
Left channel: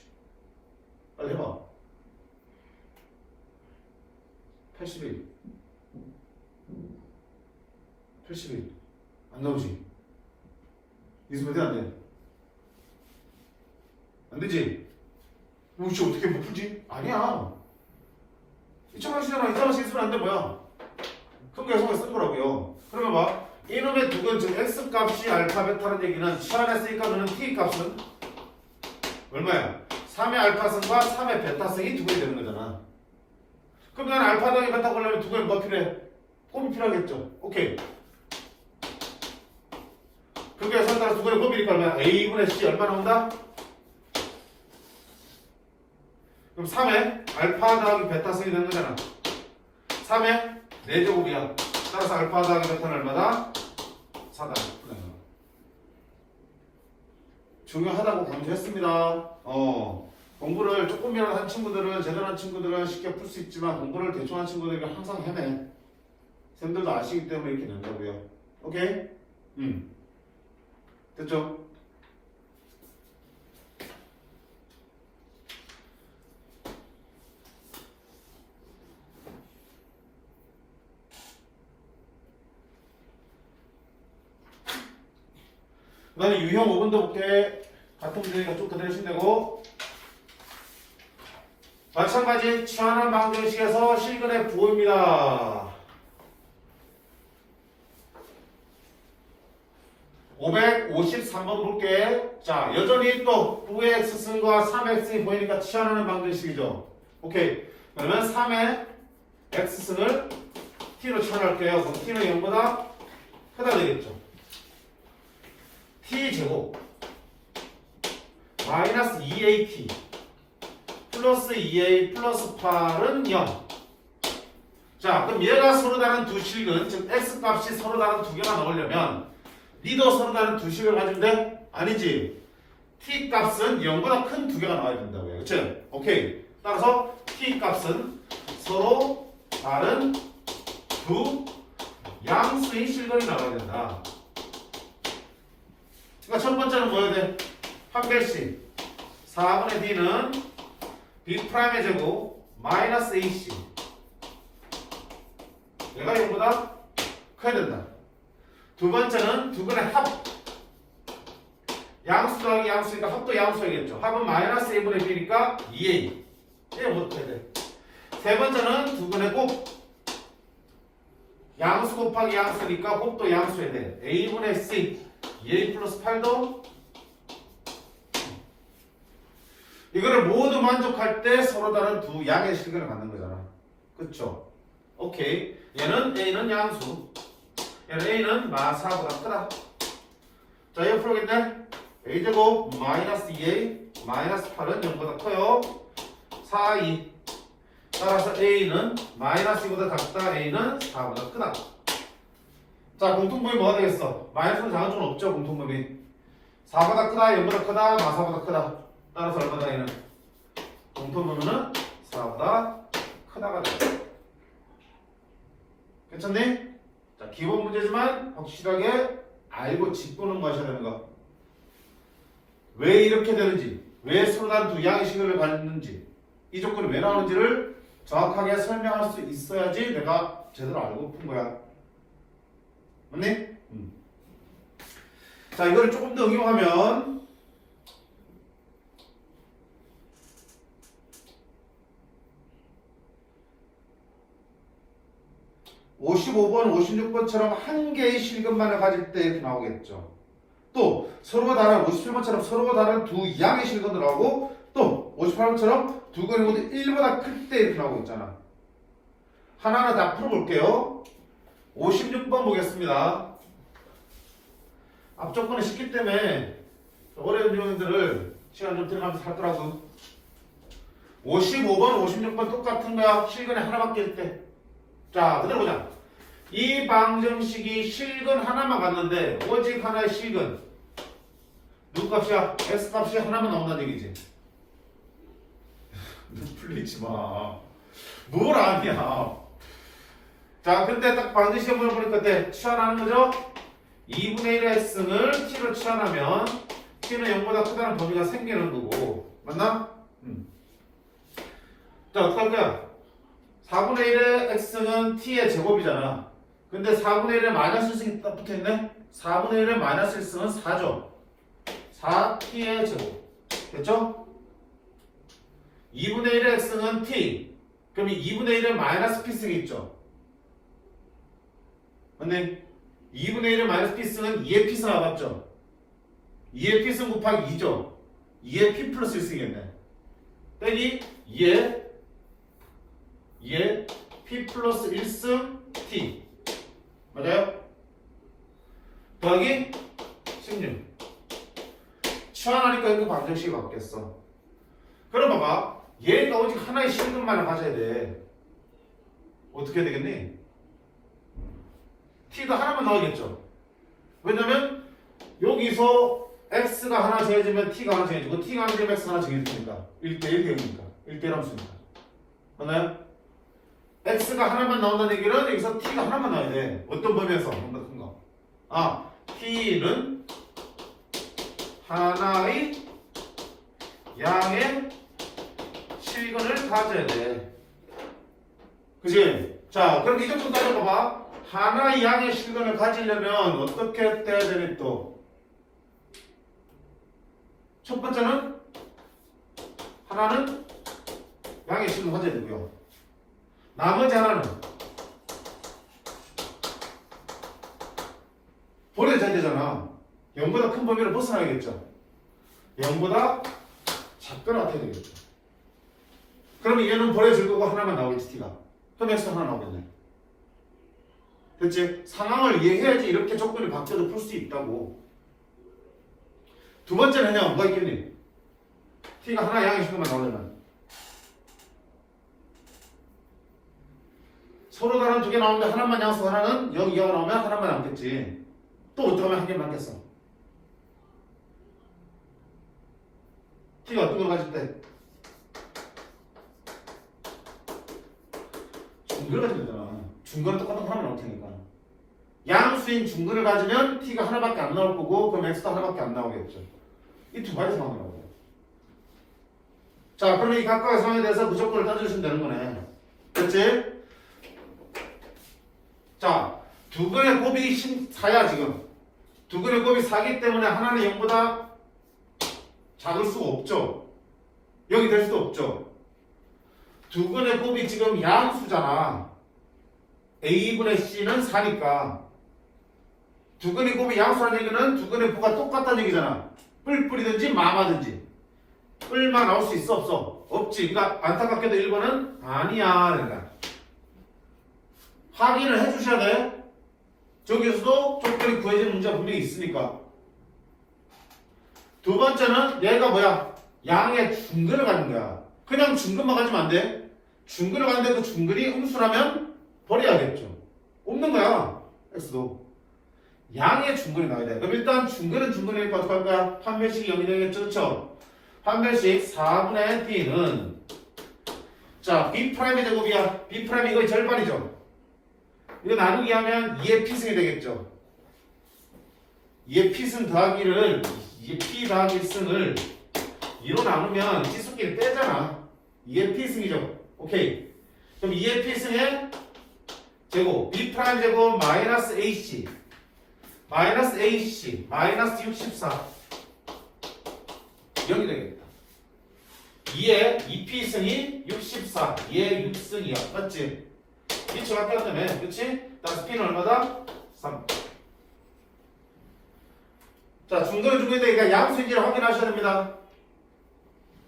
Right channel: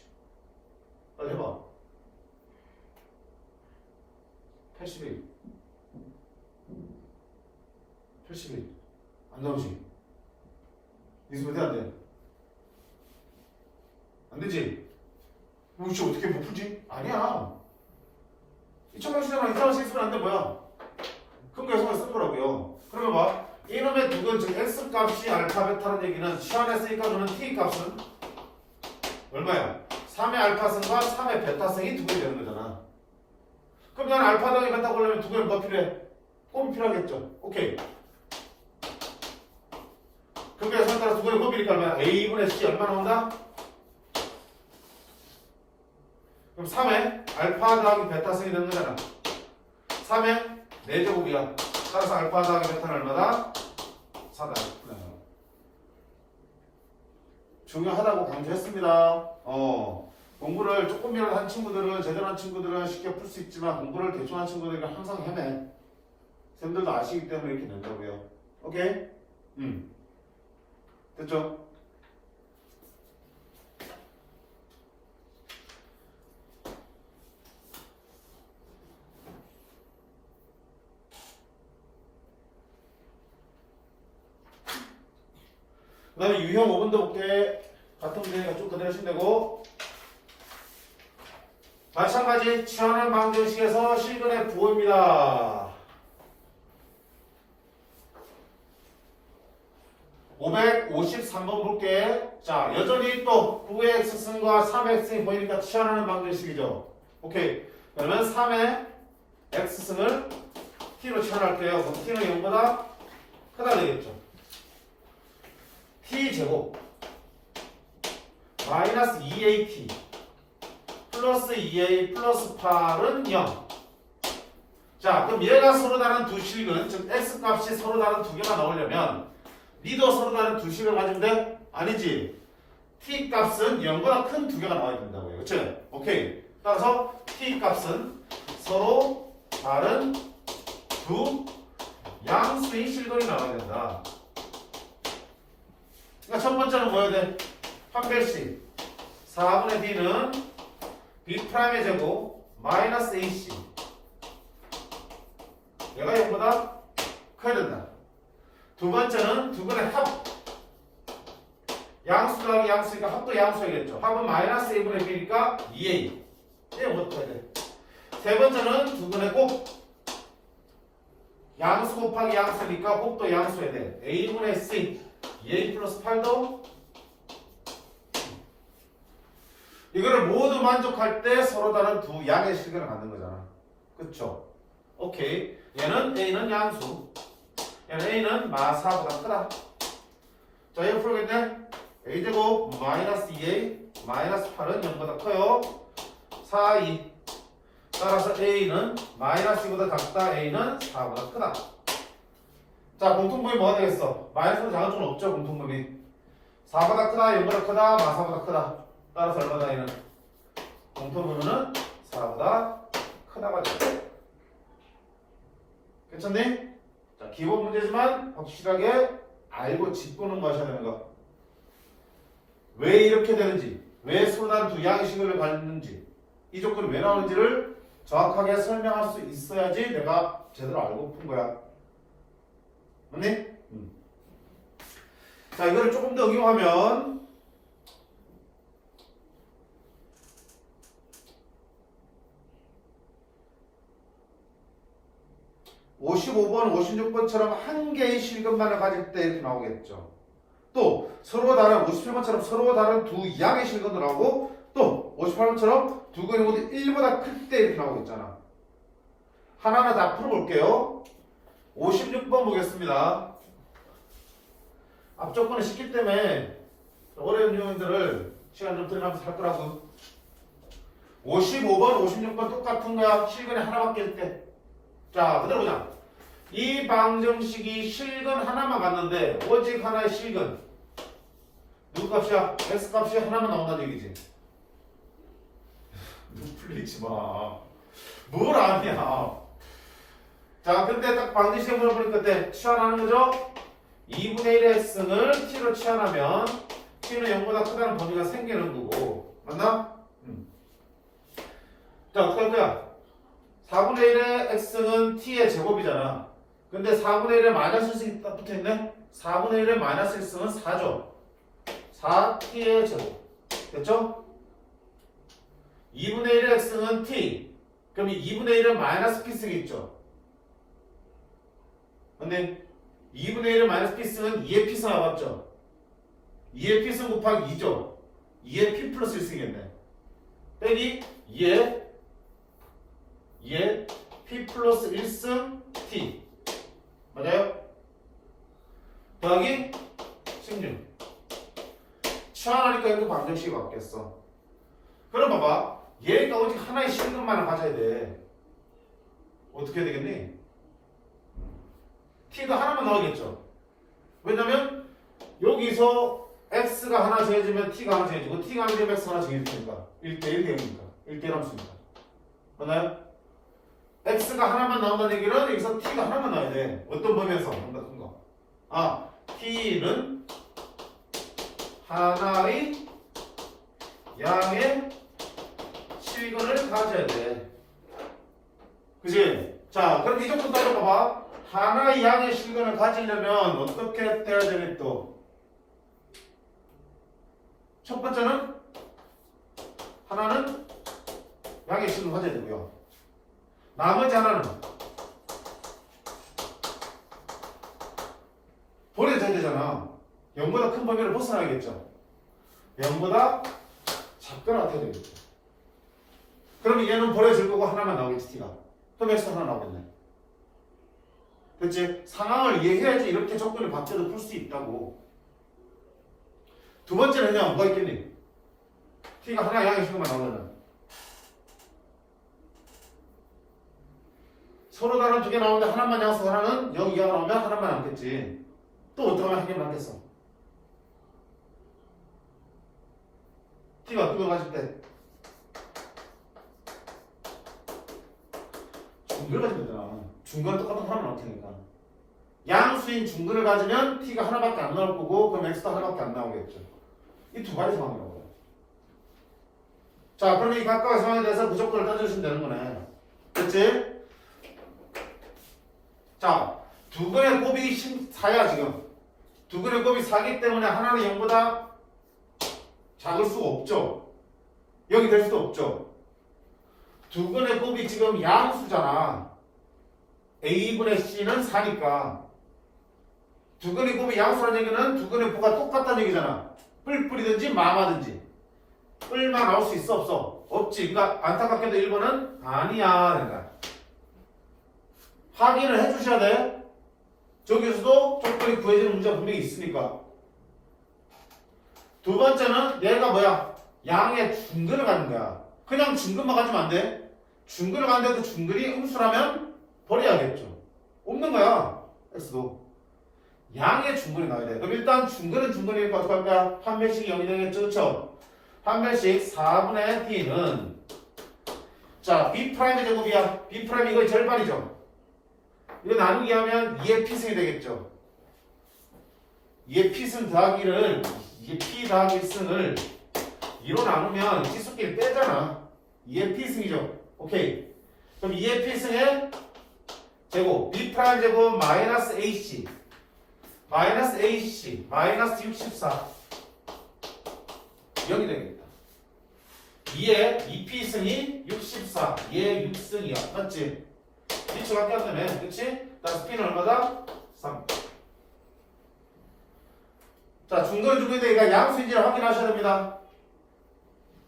빨리 해봐. 81. 81. 안 나오지? 이수면 돼, 안 돼? 안 되지? 혹시 어떻게 못 풀지? 아니야. 2,000원씩이잖아. 2,000원씩 있으면 안 돼, 뭐야? 큰 거 해석을 쓴 거라고요. 그러면 봐. 이놈의 두근, 즉 x 값이 알파 베타라는 얘기는 치환했으니까 너는 t 값은 얼마야? 3의 알파승과 3의 베타승이 두 개 되는 거잖아. 그럼 난 알파 더하기 베타 구하려면 두 개는 뭐 필요해? 곱이 필요하겠죠. 오케이. 그렇게 해서 따라 두 개를 곱이니까 얼마야? A분의 C 얼마 나온다? 그럼 3에 알파 더하기 베타 승이 되는 거잖아. 3에 4제곱이야. 따라서 알파 더하기 베타는 얼마다? 4다. 중요하다고 강조했습니다. 공부를 조금이라도 한 친구들은, 제대로 한 친구들은 쉽게 풀 수 있지만 공부를 대충 한 친구들이 항상 헤매. 쌤들도 아시기 때문에 이렇게 된다고요. 오케이? 됐죠? 그 다음에 유형 5번도 볼게. 같은 문제니까 쭉 그대로 하시면 되고, 마찬가지 취하는 방정식에서 실근의 부호입니다. 553번 볼게. 자, 여전히 또 9의 x승과 3의 x승이 보이니까 취하는 방정식이죠. 오케이. 그러면 3의 x승을 t로 취한할게요. 그럼 t는 0보다 크다 되겠죠. t제곱 마이너스 2at 플러스 2a 플러스 8은 0. 자, 그럼 얘가 서로 다른 두 식은, 즉 x값이 서로 다른 두 개가 나오려면 니도 서로 다른 두 식을 가지면 돼? 아니지. t값은 0보다 큰 두 개가 나와야 된다고요. 그치? 오케이. 따라서 t값은 서로 다른 두 양수인 실근이 나와야 된다. 그러니까 첫 번째는 뭐여야 돼? 판별식 4분의 d는 b'의 제곱 마이너스 ac 얘가 0보다 커야 된다. 두 번째는 두 근의 합 양수 더하기 양수니까 합도 양수이겠죠. 합은 마이너스 a분의 b니까 2a 얘 뭐부터 해야 돼? 세 번째는 두 근의 곱 양수 곱하기 양수니까 곱도 양수해야 돼. a분의 c 2a 플러스 8도 이거를 모두 만족할 때 서로 다른 두 양의 실근을 갖는 거잖아. 그쵸? 오케이. 얘는 a는 양수 얘는 a는 마사보다 크다. 자, 이거 풀겠네. a제곱 마이너스 2a 마이너스 8은 0보다 커요. 4, 2 따라서 a는 마이너스 2보다 작다. a는 4보다 크다. 자, 공통분이 뭐가 되겠어? 마이너스는 작은 쪽은 없죠. 공통분이 4보다 크다, 0보다 크다, 마사보다 크다. 따라서 얼마다 얘는? 공통분은 4보다 크다가 돼. 괜찮니? 자, 기본 문제지만 확실하게 알고 짚고는 마셔야 되는 거. 왜 이렇게 되는지, 왜 서로 다른 두 양의 식을 갖는지, 이 조건이 왜 나오는지를 정확하게 설명할 수 있어야지 내가 제대로 알고 푼 거야. 맞니? 자, 이거를 조금 더 응용하면 55번, 56번처럼 한 개의 실근만을 가질 때 이렇게 나오겠죠. 또 서로 다른 57번처럼 서로 다른 두 양의 실근도 나오고 또 58번처럼 두 근이 모두 1보다 클 때 이렇게 나오고 있잖아. 하나하나 다 풀어볼게요. 56번 보겠습니다. 앞조건은 쉽기 때문에 어려운 유형들을 시간 좀 들어가면서 할 거라고. 55번, 56번 똑같은 거야. 실근이 하나밖에 없대. 자, 그대로 보자. 이 방정식이 실근 하나만 갖는데 오직 하나의 실근 누구 값이야? x값이 하나만 나온다는 얘기지. 풀리지 마. 뭘 아냐. 자, 근데 딱 방정식에 물어보니까 어때? 치환하는 거죠? 2분의 1의 x승을 t로 치환하면 t는 0보다 크다는 범위가 생기는 거고. 맞나? 자, 어떡할 거야? 4분의 1의 x승은 t의 제곱이잖아. 근데 4분의 1에 마이너스 1승이 딱 붙어있네? 4분의 1에 마이너스 1승은 4죠. 4t의 제곱. 됐죠? 2분의 1의 x승은 t. 그럼 이 2분의 1에 마이너스 p승이 있죠. 근데 2분의 1의 마이너스 p승은 2의 p승 알았죠? 2의 p승 곱하기 2죠. 2의 p 플러스 1승이었네. 빼기 2의 p 플러스 1승 t. 맞아요? 더하기 16. 치환하니까 이렇게 방정식이 바뀌었어. 그럼 봐봐. 얘가 오직 하나의 실근만을 가져야 돼. 어떻게 해야 되겠니? t도 하나만 나오겠죠. 왜냐면 여기서 x가 하나 정해지면 t가 하나 정해지고 t가 하나 정해지면 x가 하나 정해지니까 1대1 대 0이니까 1대1 함수니까. 맞나요? x가 하나만 나온다는 얘기는 여기서 t가 하나만 나와야 돼. 어떤 범위에서? 뭔가 큰 거. 아, t는 하나의 양의 실근을 가져야 돼. 그치? 자, 그럼 이 정도 따져봐봐. 하나의 양의 실근을 가지려면 어떻게 돼야 되니 또? 첫 번째는 하나는 양의 실근을 가져야 되고요. 나머지 하나는 버려져야 되잖아. 0보다 큰 범위를 벗어나야겠죠. 0보다 작거나 같아야 되겠죠. 그러면 얘는 버려질 거고 하나만 나오겠지, t가. 그럼 x 하나 나오겠네. 됐지? 상황을 이해해야지 이렇게 조건이 바뀌어도 풀 수 있다고. 두 번째는요, 뭐가 있겠니? t가 하나 양의 식으로만 나오려면 서로 다른 두 개 나오는데 하나만 양수 하나는 0 이하가 나오면 하나만 남겠지. 또 어떻게 하면 한 개 남겠어? t가 어떤 걸 가질 때? 중근을 가지면 되잖아. 중근은 똑같은 하나만 나올 테니까. 양수인 중근을 가지면 t가 하나밖에 안 나올 거고 그럼 x도 하나밖에 안 나오겠죠. 이 두 가지 상황이라고요. 자, 그러면 이 각각의 상황에 대해서 그 조건을 따져주시면 되는 거네. 됐지? 자, 두 근의 곱이 4야 지금. 두 근의 곱이 4기 때문에 하나는 0보다 작을 수가 없죠. 0이 될 수도 없죠. 두 근의 곱이 지금 양수잖아. a분의 c는 4니까 두 근의 곱이 양수라는 얘기는 두 근의 부가 똑같다는 얘기잖아. 뿔뿔이든지 마마든지 뿔만 나올 수 있어 없어? 없지. 그러니까 안타깝게도 1번은 아니야. 그러니까 확인을 해주셔야 돼. 저기서도 조건이 구해지는 문제가 분명히 있으니까. 두 번째는 얘가 뭐야? 양의 중근을 가는 거야. 그냥 중근만 가지면 안 돼. 중근을 가는데 그 중근이 음수라면 버려야겠죠. 없는 거야. x도. 양의 중근이 나와야 돼. 그럼 일단 중근은 중근이니까 어떻게 할 거야? 판별식이 0이 되겠죠. 그렇죠? 판별식 4분의 t는 자 b'의 제곱이야. b' 이거의 절반이죠. 이거 나누기 하면 2의 p승이 되겠죠. 2의 p승 더하기를 2의 p 더하기 1승을 2로 나누면 치수끼리 빼잖아. 2의 p승이죠. 오케이. 그럼 2의 p승의 제곱 b' 제곱 마이너스 ac 마이너스 ac 마이너스 64 0이 되겠다. 2의 2p승이 64 2의 6승이야. 맞지? 위치가 바뀌었다며. 그치? 따라서 p는 얼마다? 3. 자, 중근은 중근이 되니까 양수인지를 확인하셔야 됩니다.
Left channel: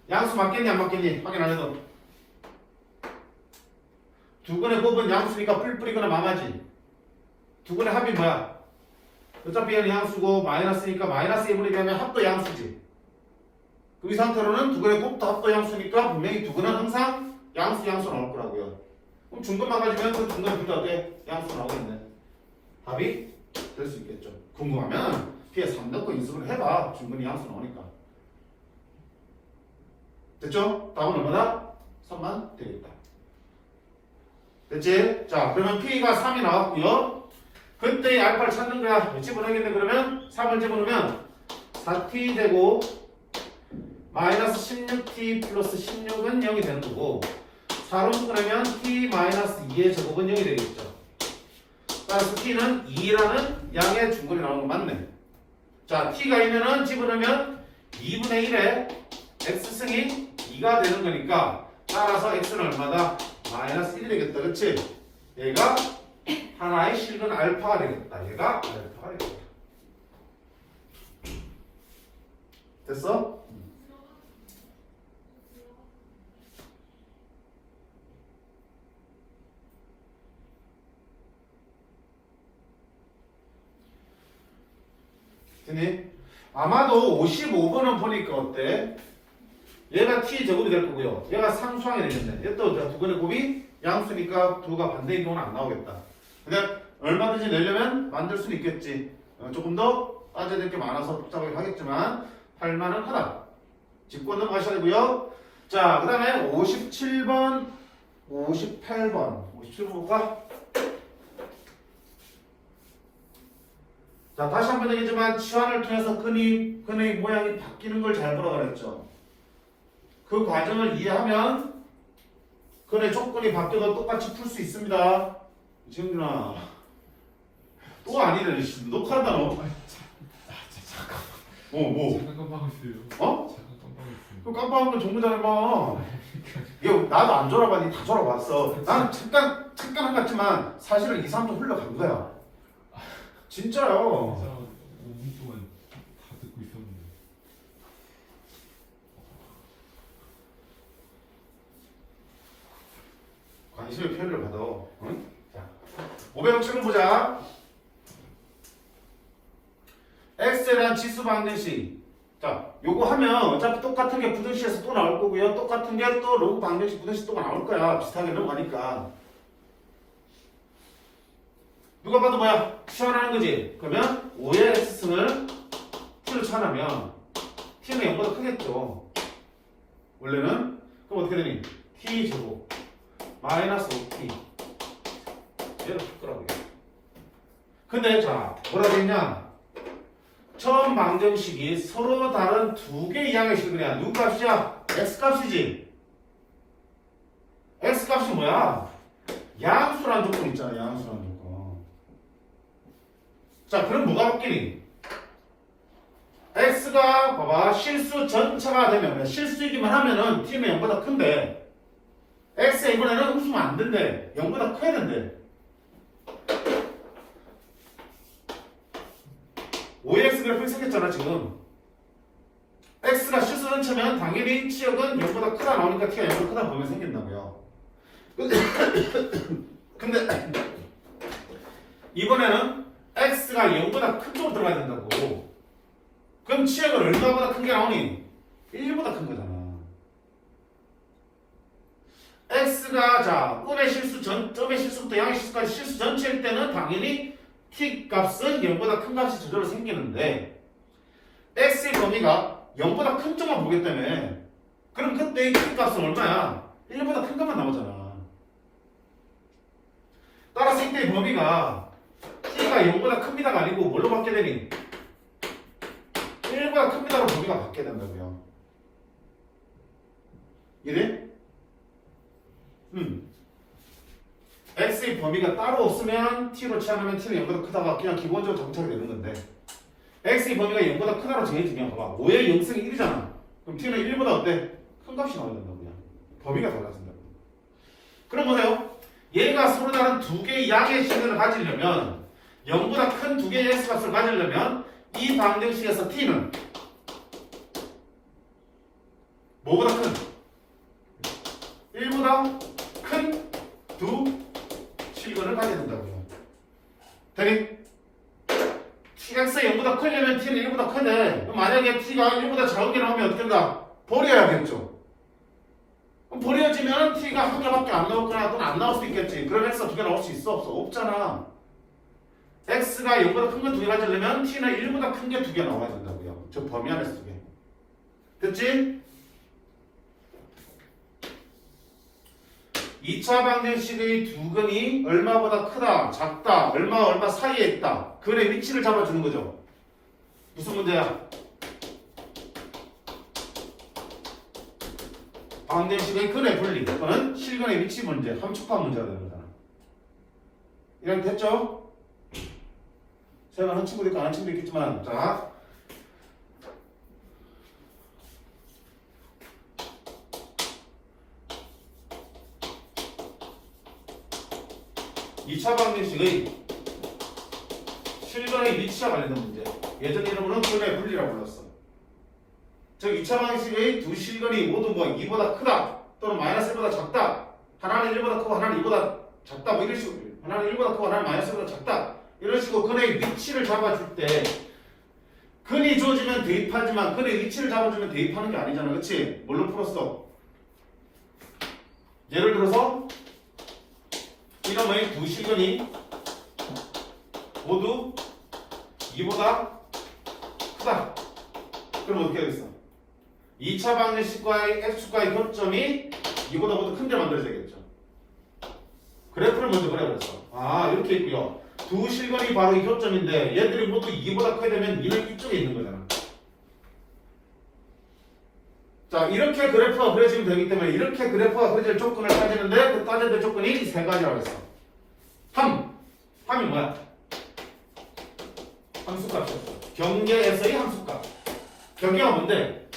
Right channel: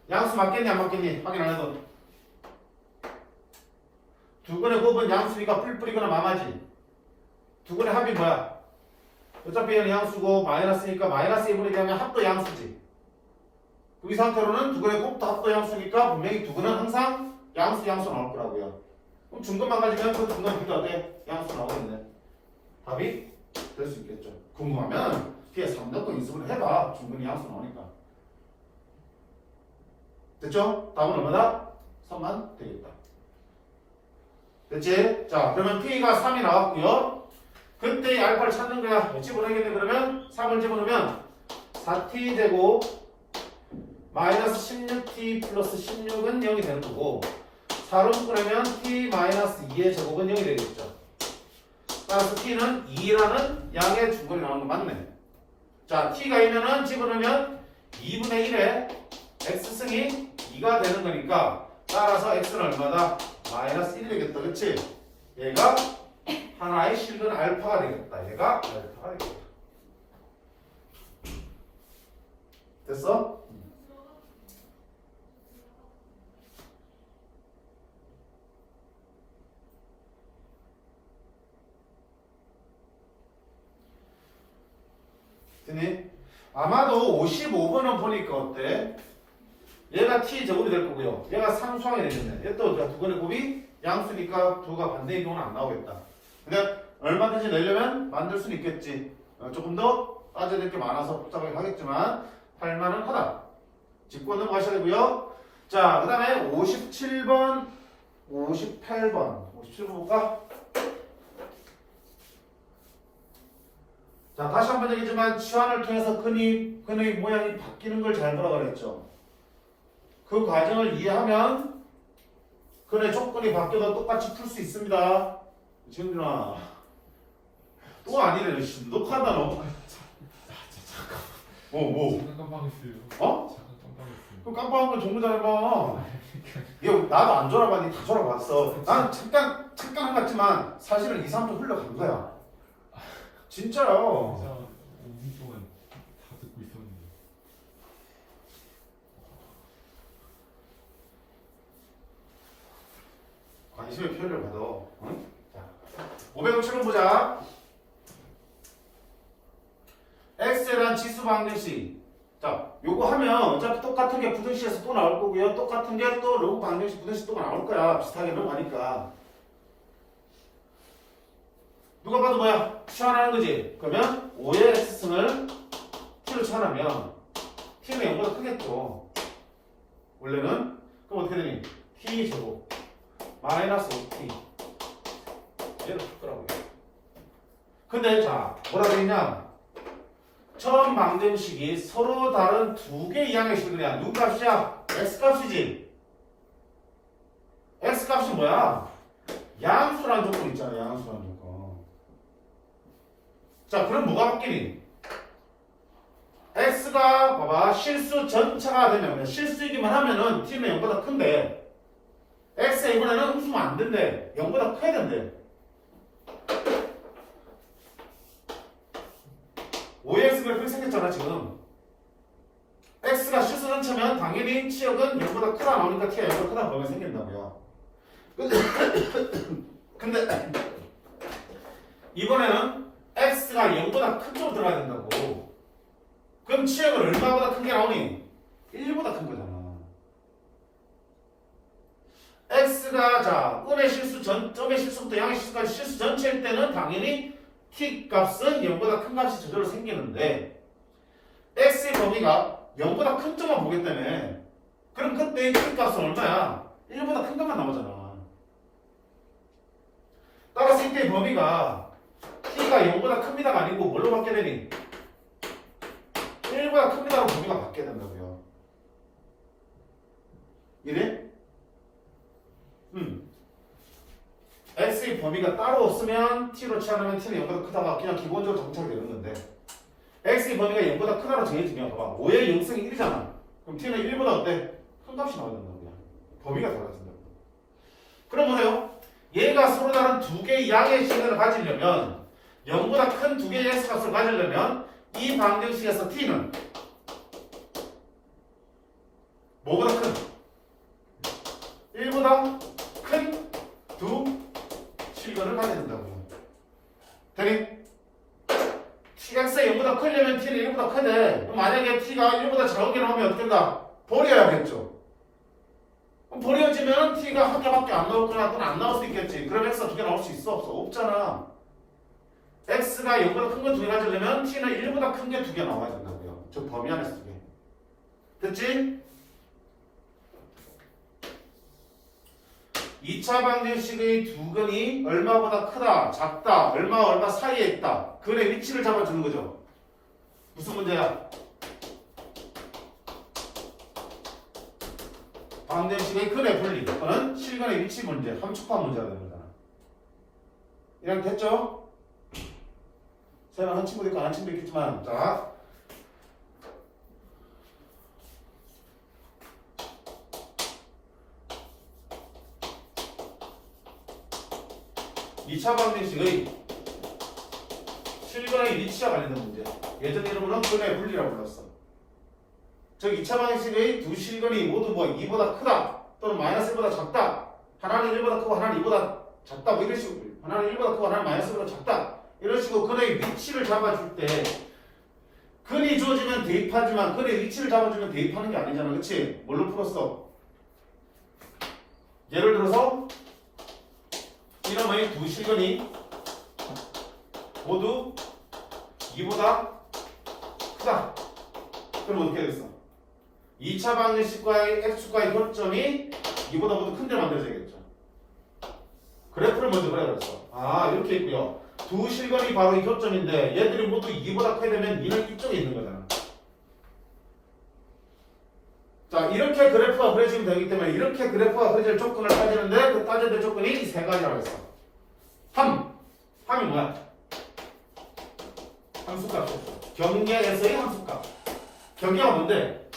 양수 맞겠니 안 맞겠니? 확인 안 해도. 두 근의 곱은 양수니까 뿔뿔이거나 마마지. 두 근의 합이 뭐야? 어차피 얘는 양수고 마이너스니까 마이너스 1분의 1 하면 합도 양수지. 이 상태로는 두 근의 곱도 합도 양수니까 분명히 두 근은 항상 양수 나올 거라고요. 그럼 중근만 가지면 그 중근 비교하게 양수 나오겠네. 답이 될 수 있겠죠. 궁금하면 뒤에 3 넣고 인수를 해봐. 중근이 양수 나오니까. 됐죠? 답은 얼마다? 3만 되겠다. 됐지? 자, 그러면 P가 3이 나왔고요. 그때 알파를 찾는 거야. 집어넣겠네. 그러면 3을 집어넣으면 4t 제곱 마이너스 16t 플러스 16은 0이 되는 거고 4로 묶으려면 t 마이너스 2의 제곱은 0이 되겠죠. 따라서 t는 2라는 양의 중근이 나오는 거 맞네. 자, t가 2면은 집어넣으면 2분의 1에 x승이 2가 되는 거니까 따라서 x는 얼마다? 마이너스 1이 되겠다. 그치? 얘가 하나의 실근 알파가 되겠다. 얘가 알파가 되겠다. 됐어? 됐니? 아마도 55번은 보니까 어때? 얘가 t 제곱이 될 거고요. 얘가 상수항이 되겠네. 얘 또 두 번의 곱이 양수니까 두가 반대인 경우는 안 나오겠다. 근데 얼마든지 내려면 만들 수는 있겠지. 조금 더 따져야 될 게 많아서 복잡하게 하겠지만 할만은 하다. 짚고 넘어가셔야 되고요. 자, 그 다음에 57번, 58번. 57번 볼까? 자, 다시 한번 얘기지만 치환을 통해서 근의 모양이 바뀌는 걸 잘 보라 그랬죠. 그 과정을 이해하면 근의 조건이 바뀌어도 똑같이 풀 수 있습니다. 지훈아, 또 아니래. 녹화한다 너. 뭐? 잠깐 깜빡했어요. 어? 잠깐 깜빡했어요. 그 깜빡한 거 정보 잘해봐. 이거 나도 안 졸아봤니? 다 졸아봤어. 나는 잠깐 한 같지만 사실은 2, 3초 흘러간 거야. 진짜요. 진짜 5분 동안 다 듣고 있었는데. 관심의 표현을 받아. 응? 자, 507번 보자. x에 대한 지수 방정식. 자, 요거 하면 어차피 똑같은 게 부등식에서 또 나올 거고요. 똑같은 게 또 로그 방정식 부등식 또 나올 거야. 비슷하게 넘어가니까. 누가 봐도 뭐야? 치환하는 거지. 그러면 5의 x승을 t로 치환하면 t는 0보다 크겠죠. 원래는. 그럼 어떻게 되니? t 제곱 마이너스 5t. 얘를 풀 거라고요. 근데 자, 뭐라 되냐? 처음 방정식이 서로 다른 두 개의 이항의 식이야. 누구 값이야? x값이지. x값이 뭐야? 양수라는 조건 있잖아. 양수라는 조건. 자, 그럼 뭐가 바뀌니? x가 봐봐 실수 전차가 되면 실수이기만 하면은 t는 0보다 큰데 x가 이번에는 음수면 안 된대. 0보다 커야 된대. 5x 그래프 생겼잖아 지금. x가 실수 전차면 당연히 치역은 0보다 크다 나오니까 t가 0보다 크다 보면 생긴다고요. 근데 이번에는 x가 0보다 큰 쪽으로 들어가야 된다고. 그럼 치역은 얼마보다 큰 게 나오니? 1보다 큰 거잖아. x가 자 음의 실수 점의 실수부터 양의 실수까지 실수 전체일 때는 당연히 t 값은 0보다 큰 값이 저절로 생기는데 x의 범위가 0보다 큰 점만 보기 때문에 그럼 그때 t 값은 얼마야? 1보다 큰 것만 나오잖아. 따라서 이때의 범위가 t가 0보다 큽니다가 아니고 뭘로 바뀌게 되니? 1보다 큽니다로 범위가 바뀌게 된다고요. 이래? x의 범위가 따로 없으면 t로 치환하면 t는 0보다 크다가 그냥 기본적으로 정착이 되는 건데 x의 범위가 0보다 크다로 정해지면 봐봐 5의 0승이 1이잖아. 그럼 t는 1보다 어때? 큰 값이 나와야 된다고. 그냥 범위가 달라진다고. 그럼 보세요. 얘가 서로 다른 두 개의 양의 식을 가지려면 0보다 큰 두 개의 x값을 가지려면 이 방정식에서 t는 뭐보다 큰? 1보다 큰 두 실근을 가져야 된다고요. 되니? x가 0보다 크려면 t는 1보다 큰데 만약에 t가 1보다 작은 게 나오면 어떻게 된다? 버려야겠죠. 버려지면 t가 한 개밖에 안 나올 거나 또는 안 나올 수 있겠지. 그럼 x가 두 개 나올 수 있어? 없어? 없잖아. x가 0보다 큰 거 두 개 가지려면 t는 1보다 큰 게 두 개 나와야 된다고요. 저 범위 안에서 두 개. 됐지? 2차 방정식의 두 근이 얼마보다 크다, 작다, 얼마 사이에 있다. 근의 위치를 잡아주는 거죠. 무슨 문제야? 방정식의 근의 분리 또는 실근의 위치 문제, 함축화 문제가 되는 거잖아. 이렇게 됐죠? 설마 한 친구도 있고 안 한 친구도 있겠지만 자 2차 방정식의 실근의 위치와 관련된 문제. 예전 이름으로는 근의 분리라고 불렀어. 즉 2차 방정식의 두 실근이 모두 뭐 2보다 크다 또는 마이너스 1보다 작다. 하나는 1보다 크고 하나는 2보다 작다. 뭐 이런 식으로. 하나는 1보다 크고 하나는 마이너스 1보다 작다. 이런 식으로 근의 위치를 잡아줄 때 근이 주어지면 대입하지만 근의 위치를 잡아주면 대입하는 게 아니잖아. 그치? 뭘로 풀었어? 예를 들어서 이놈의 두 실근이 모두 2보다 크다. 그럼 어떻게 되겠어? 2차 방정식과의 x축과의 교점이 2보다 모두 큰데 만들어져야겠죠. 그래프를 먼저 그려봤어. 아, 이렇게 있고요. 두 실근이 바로 이 교점인데 얘들이 모두 2보다 크게 되면 2는 이쪽에 있는 거잖아. 자, 이렇게 그래프가 그려지면 되기 때문에 이렇게 그래프가 그려질 조건을 따지는데 그 따져야 될 조건이 이 세 가지라고 했어. 함이 뭐야? 함수값이었어. 경계에서의 함수값. 경계가 뭔데?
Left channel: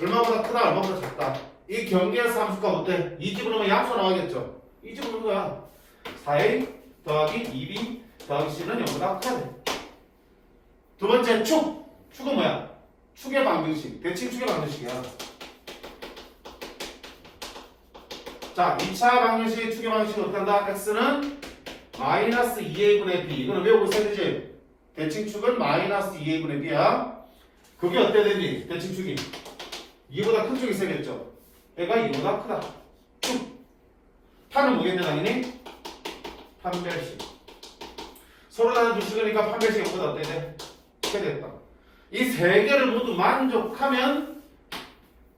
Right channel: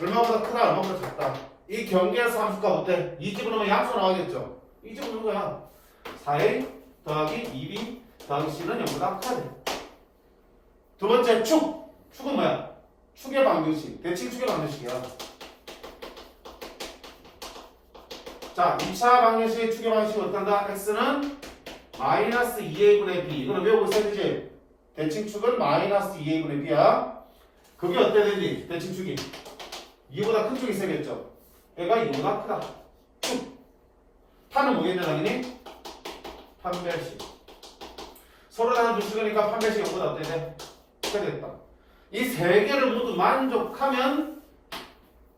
얼마보다 크다, 얼마보다 작다. 이 경계에서 함수값 어때? 이 집어넣으면 양수 나가겠죠? 이 집어넣는 거야. 4a 더하기 2b 더하기 c는 0보다 커야 돼. 두 번째 축. 축은 뭐야? 축의 방정식. 대칭 축의 방정식이야. 자, 2차 방정식 축의 방정식은 어떻게 한다? x는 마이너스 2a분의 b. 이거는 외우고 있어야 되지? 대칭축은 마이너스 2a분의 b야. 그게 어때 되니? 대칭축이 2보다 큰 축이 있어야겠죠? 얘가 2보다 크다. 축. 판은 뭐겠냐 당연히? 판별식. 서로 다른 두 식이니까 판별식 0보다 어때야 돼? 크게 되겠다. 이 세 개를 모두 만족하면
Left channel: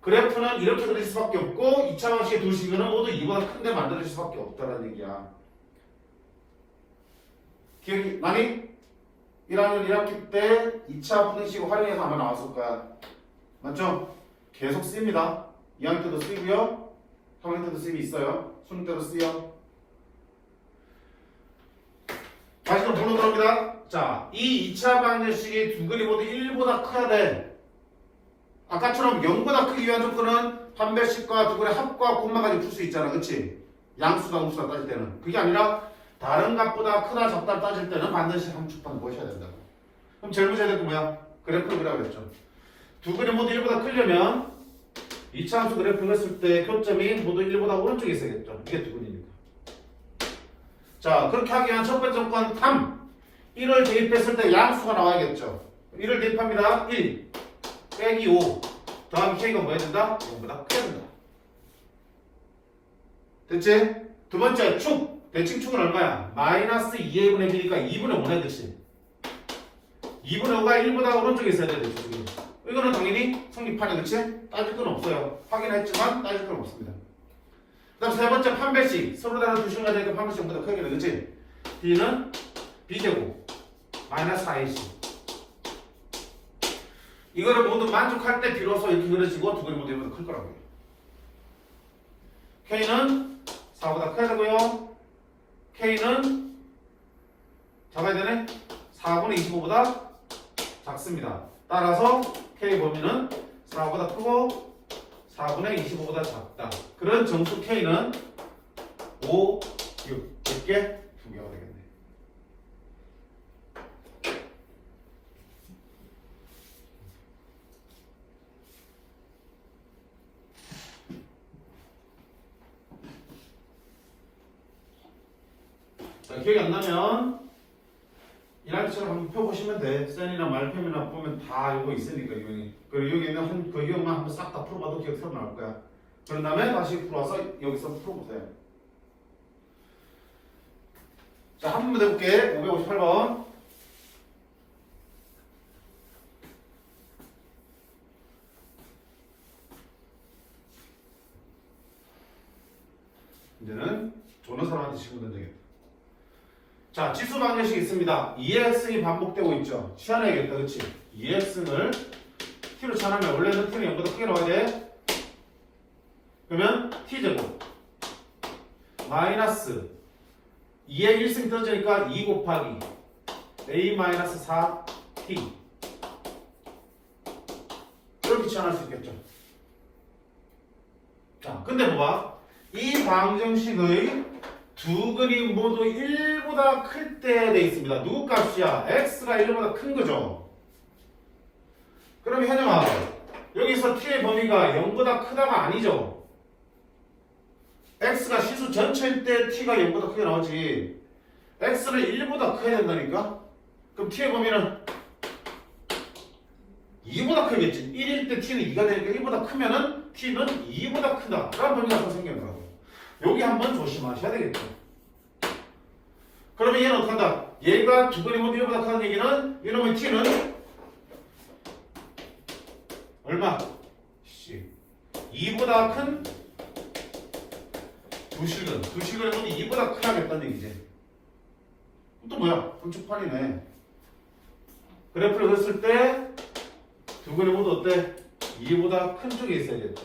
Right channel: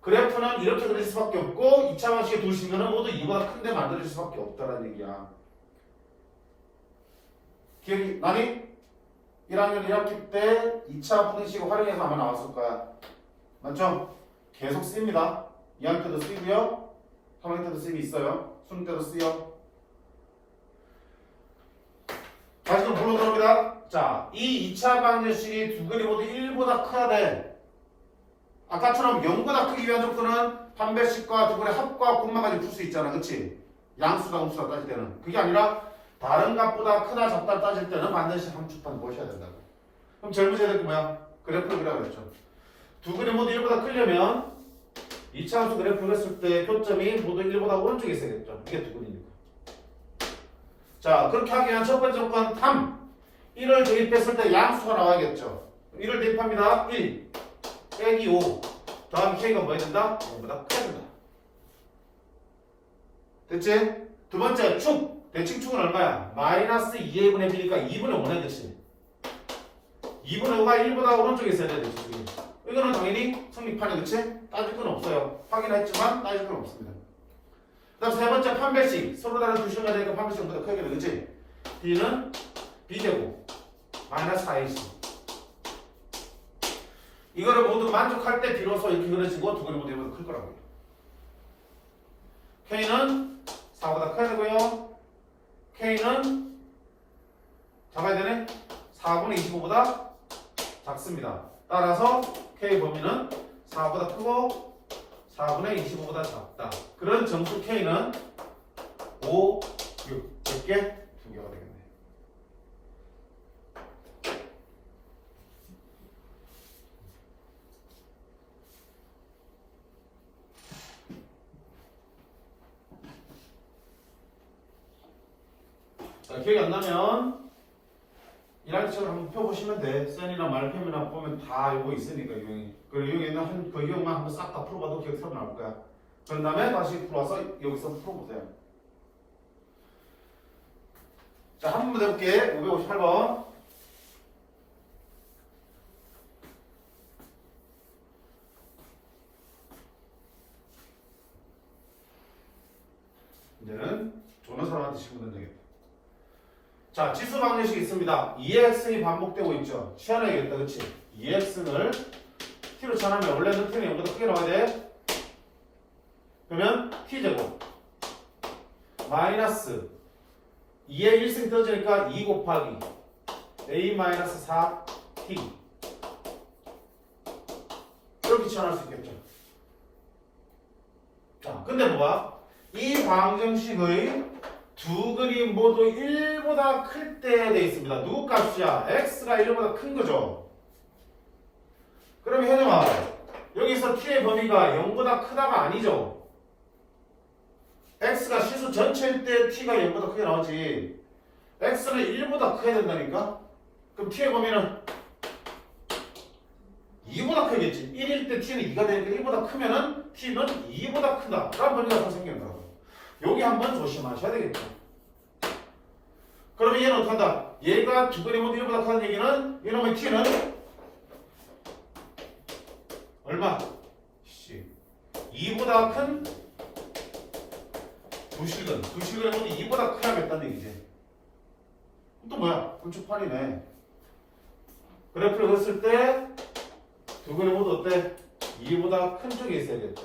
그래프는 이렇게 그릴 수밖에 없고 2차 방식의 두 식은 모두 2보다 큰데 만들어질 수밖에 없다는 얘기야. 기억이 나니? 1학년 1학기 때 2차 방정식을 활용해서 아마 나왔을 거야. 맞죠? 계속 쓰입니다. 2학년 때도 쓰이고요. 3학년 때도 쓰임이 있어요. 수능 때도 쓰여. 다시 좀 불러 들어갑니다. 자, 이 2차 방정식이 두 근이 모두 1보다 커야 돼. 아까처럼 0보다 크기 위한 조건은 판별식과 두 근의 합과 곱만 가지고 풀 수 있잖아. 그치? 양수다 음수다 따질 때는. 그게 아니라 다른 값보다 크다 작다 따질 때는 반드시 함축판 보셔야 된다고. 그럼 제일 문제야 될 게 뭐야? 그래프를 그리라고 그랬죠. 두 근이 모두 1보다 크려면 2차 함수 그래프를 했을 때 교점이 모두 1보다 오른쪽에 있어야겠죠. 이게 두 근이니까. 자, 그렇게 하기 위한 첫 번째 조건 3. 1을 대입했을 때 양수가 나와야겠죠. 1을 대입합니다. 1 빼기 5 더하기 k가 뭐 해야 된다? 0보다 크게 된다. 됐지? 두 번째 축. 대칭축은 얼마야? 마이너스 2a분의 b니까 2분의 5네. 그치? 2분의 5가 1보다 오른쪽에 있어야 돼. 대칭축이. 이거는 당연히 성립하네. 그치? 따질 건 없어요. 확인했지만 따질 건 없습니다. 그 다음 세 번째 판별식. 서로 다른 두 식을 되니까 판별식 0보다 크게 돼. 그치? b는 b제곱 마이너스 4ac. 이거를 모두 만족할 때 비로소 이렇게 그려지고 두 개를 모두 1보다 클 거라고요. k는 4보다 커야 되고요. k는 잡아야 되네. 4분의 25보다 작습니다. 따라서 k 범위는 4보다 크고 4분의 25보다 작다. 그런 정수 k는 5, 6, 10개, 2개가 되겠네. 자, 기억이 안 나면 1학기처럼 한번 펴보시면 돼. 센이나 말표이나 보면 다 이거 있으니까 유형이. 그리고 여기 있는 그 유형만 한번 싹 다 풀어봐도 기억 새로 나올 거야. 그런 다음에 다시 풀어서 여기서 풀어보세요. 자, 한 번 더 해볼게. 558번. 이제는 조는 사람한테 시키면 되겠다. 자, 지수 방정식이 있습니다. 2x이 반복되고 있죠. 치환해야겠다. 그치? 2x를 t로 치환하면 원래는 t는 0보다 크게 나와야 돼. 그러면 t제곱 마이너스 2의 1승 떨어지니까 2 곱하기 a 마이너스 4t 이렇게 치환할 수 있겠죠. 자, 근데 뭐야? 이 방정식의 두 근이 모두 1보다 클 때 돼 있습니다. 누구 값이야? x가 1보다 큰 거죠. 그럼 현영아, 여기서 t의 범위가 0보다 크다가 아니죠. x가 시수 전체일 때 t가 0보다 크게 나오지. x는 1보다 커야 된다니까? 그럼 t의 범위는 2보다 크겠지. 1일 때 t는 2가 되니까 1보다 크면은 t는 2보다 크다. 라는 범위가 한번 생겨나요. 여기 한번 조심하셔야 되겠죠. 그러면 얘는 어떻게 한다? 얘가 두 번의 모두 1보다 크다는 얘기는 이놈의 t는 얼마? 2보다 큰 두 실근의 모두 2보다 크야겠다는 얘기지. 또 뭐야? 함축판이네. 그래프를 그렸을 때 두 근의 모두 어때? 2보다 큰 쪽에 있어야겠죠.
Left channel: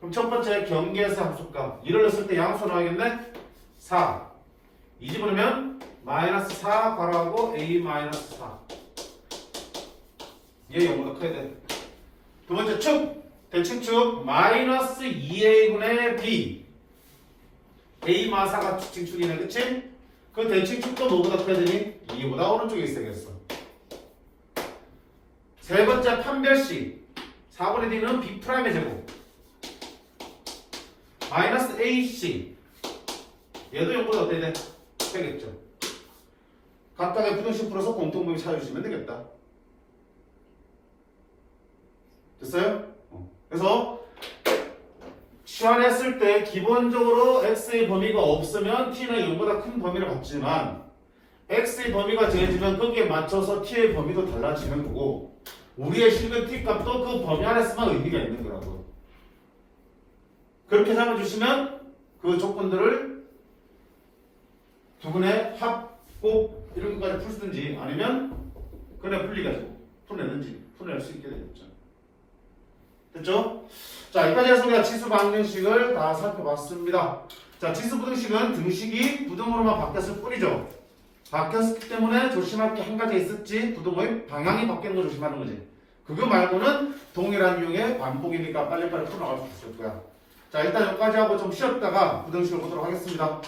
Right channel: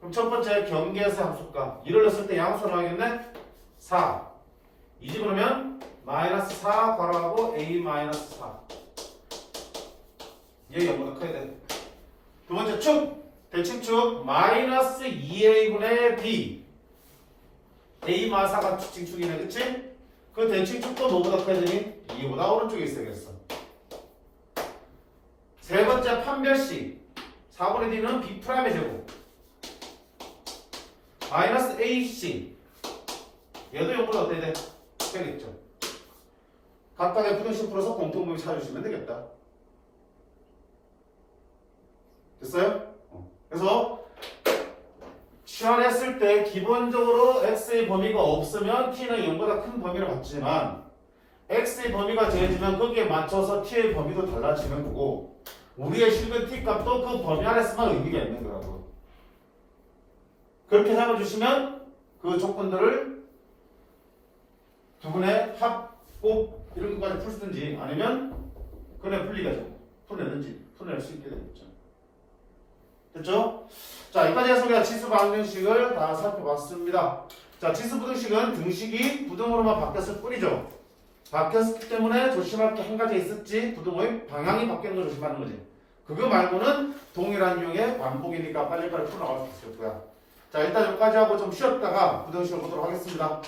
그럼 첫 번째 경계에서 함수값 1을 넣었을 때 양수 나와야겠네? 4 이 집어넣으면 마이너스 4 괄호하고 a 마이너스 4 얘 0보다 커야 돼. 두 번째 축 대칭축 마이너스 2a분의 b a 마사가 칭축이네 그치? 그 대칭축도 뭐보다 커야 되니? 2보다 오른쪽에 있어야겠어. 세 번째 판별식 4분의 d는 b'의 제곱 마이너스 ac 얘도 0보다 어때야 돼? 되겠죠. 각각의 부등식 풀어서 공통범위 찾아주시면 되겠다. 됐어요? 그래서 치환했을 때 기본적으로 x의 범위가 없으면 t는 0보다 큰 범위를 갖지만 x의 범위가 정해지면 거기에 맞춰서 t의 범위도 달라지는 거고 우리의 실근 t 값도 그 범위 안에서만 의미가 있는 거라고. 그렇게 잡아주시면 그 조건들을 두 분의 합, 곱 이런 것까지 풀든지 아니면 그냥 풀리가지고 풀어낼 수 있게 되겠죠. 됐죠? 자, 여기까지 해서 우리가 지수 방정식을 다 살펴봤습니다. 자, 지수 부등식은 등식이 부등으로만 바뀌었을 뿐이죠. 바뀌었기 때문에 조심할 게 한 가지 있었지. 부등의 방향이 바뀌는 걸 조심하는 거지. 그거 말고는 동일한 유형의 반복이니까 빨리빨리 풀어나갈 수 있을 거야. 자, 일단 여기까지 하고 좀 쉬었다가 부등식을 보도록 하겠습니다.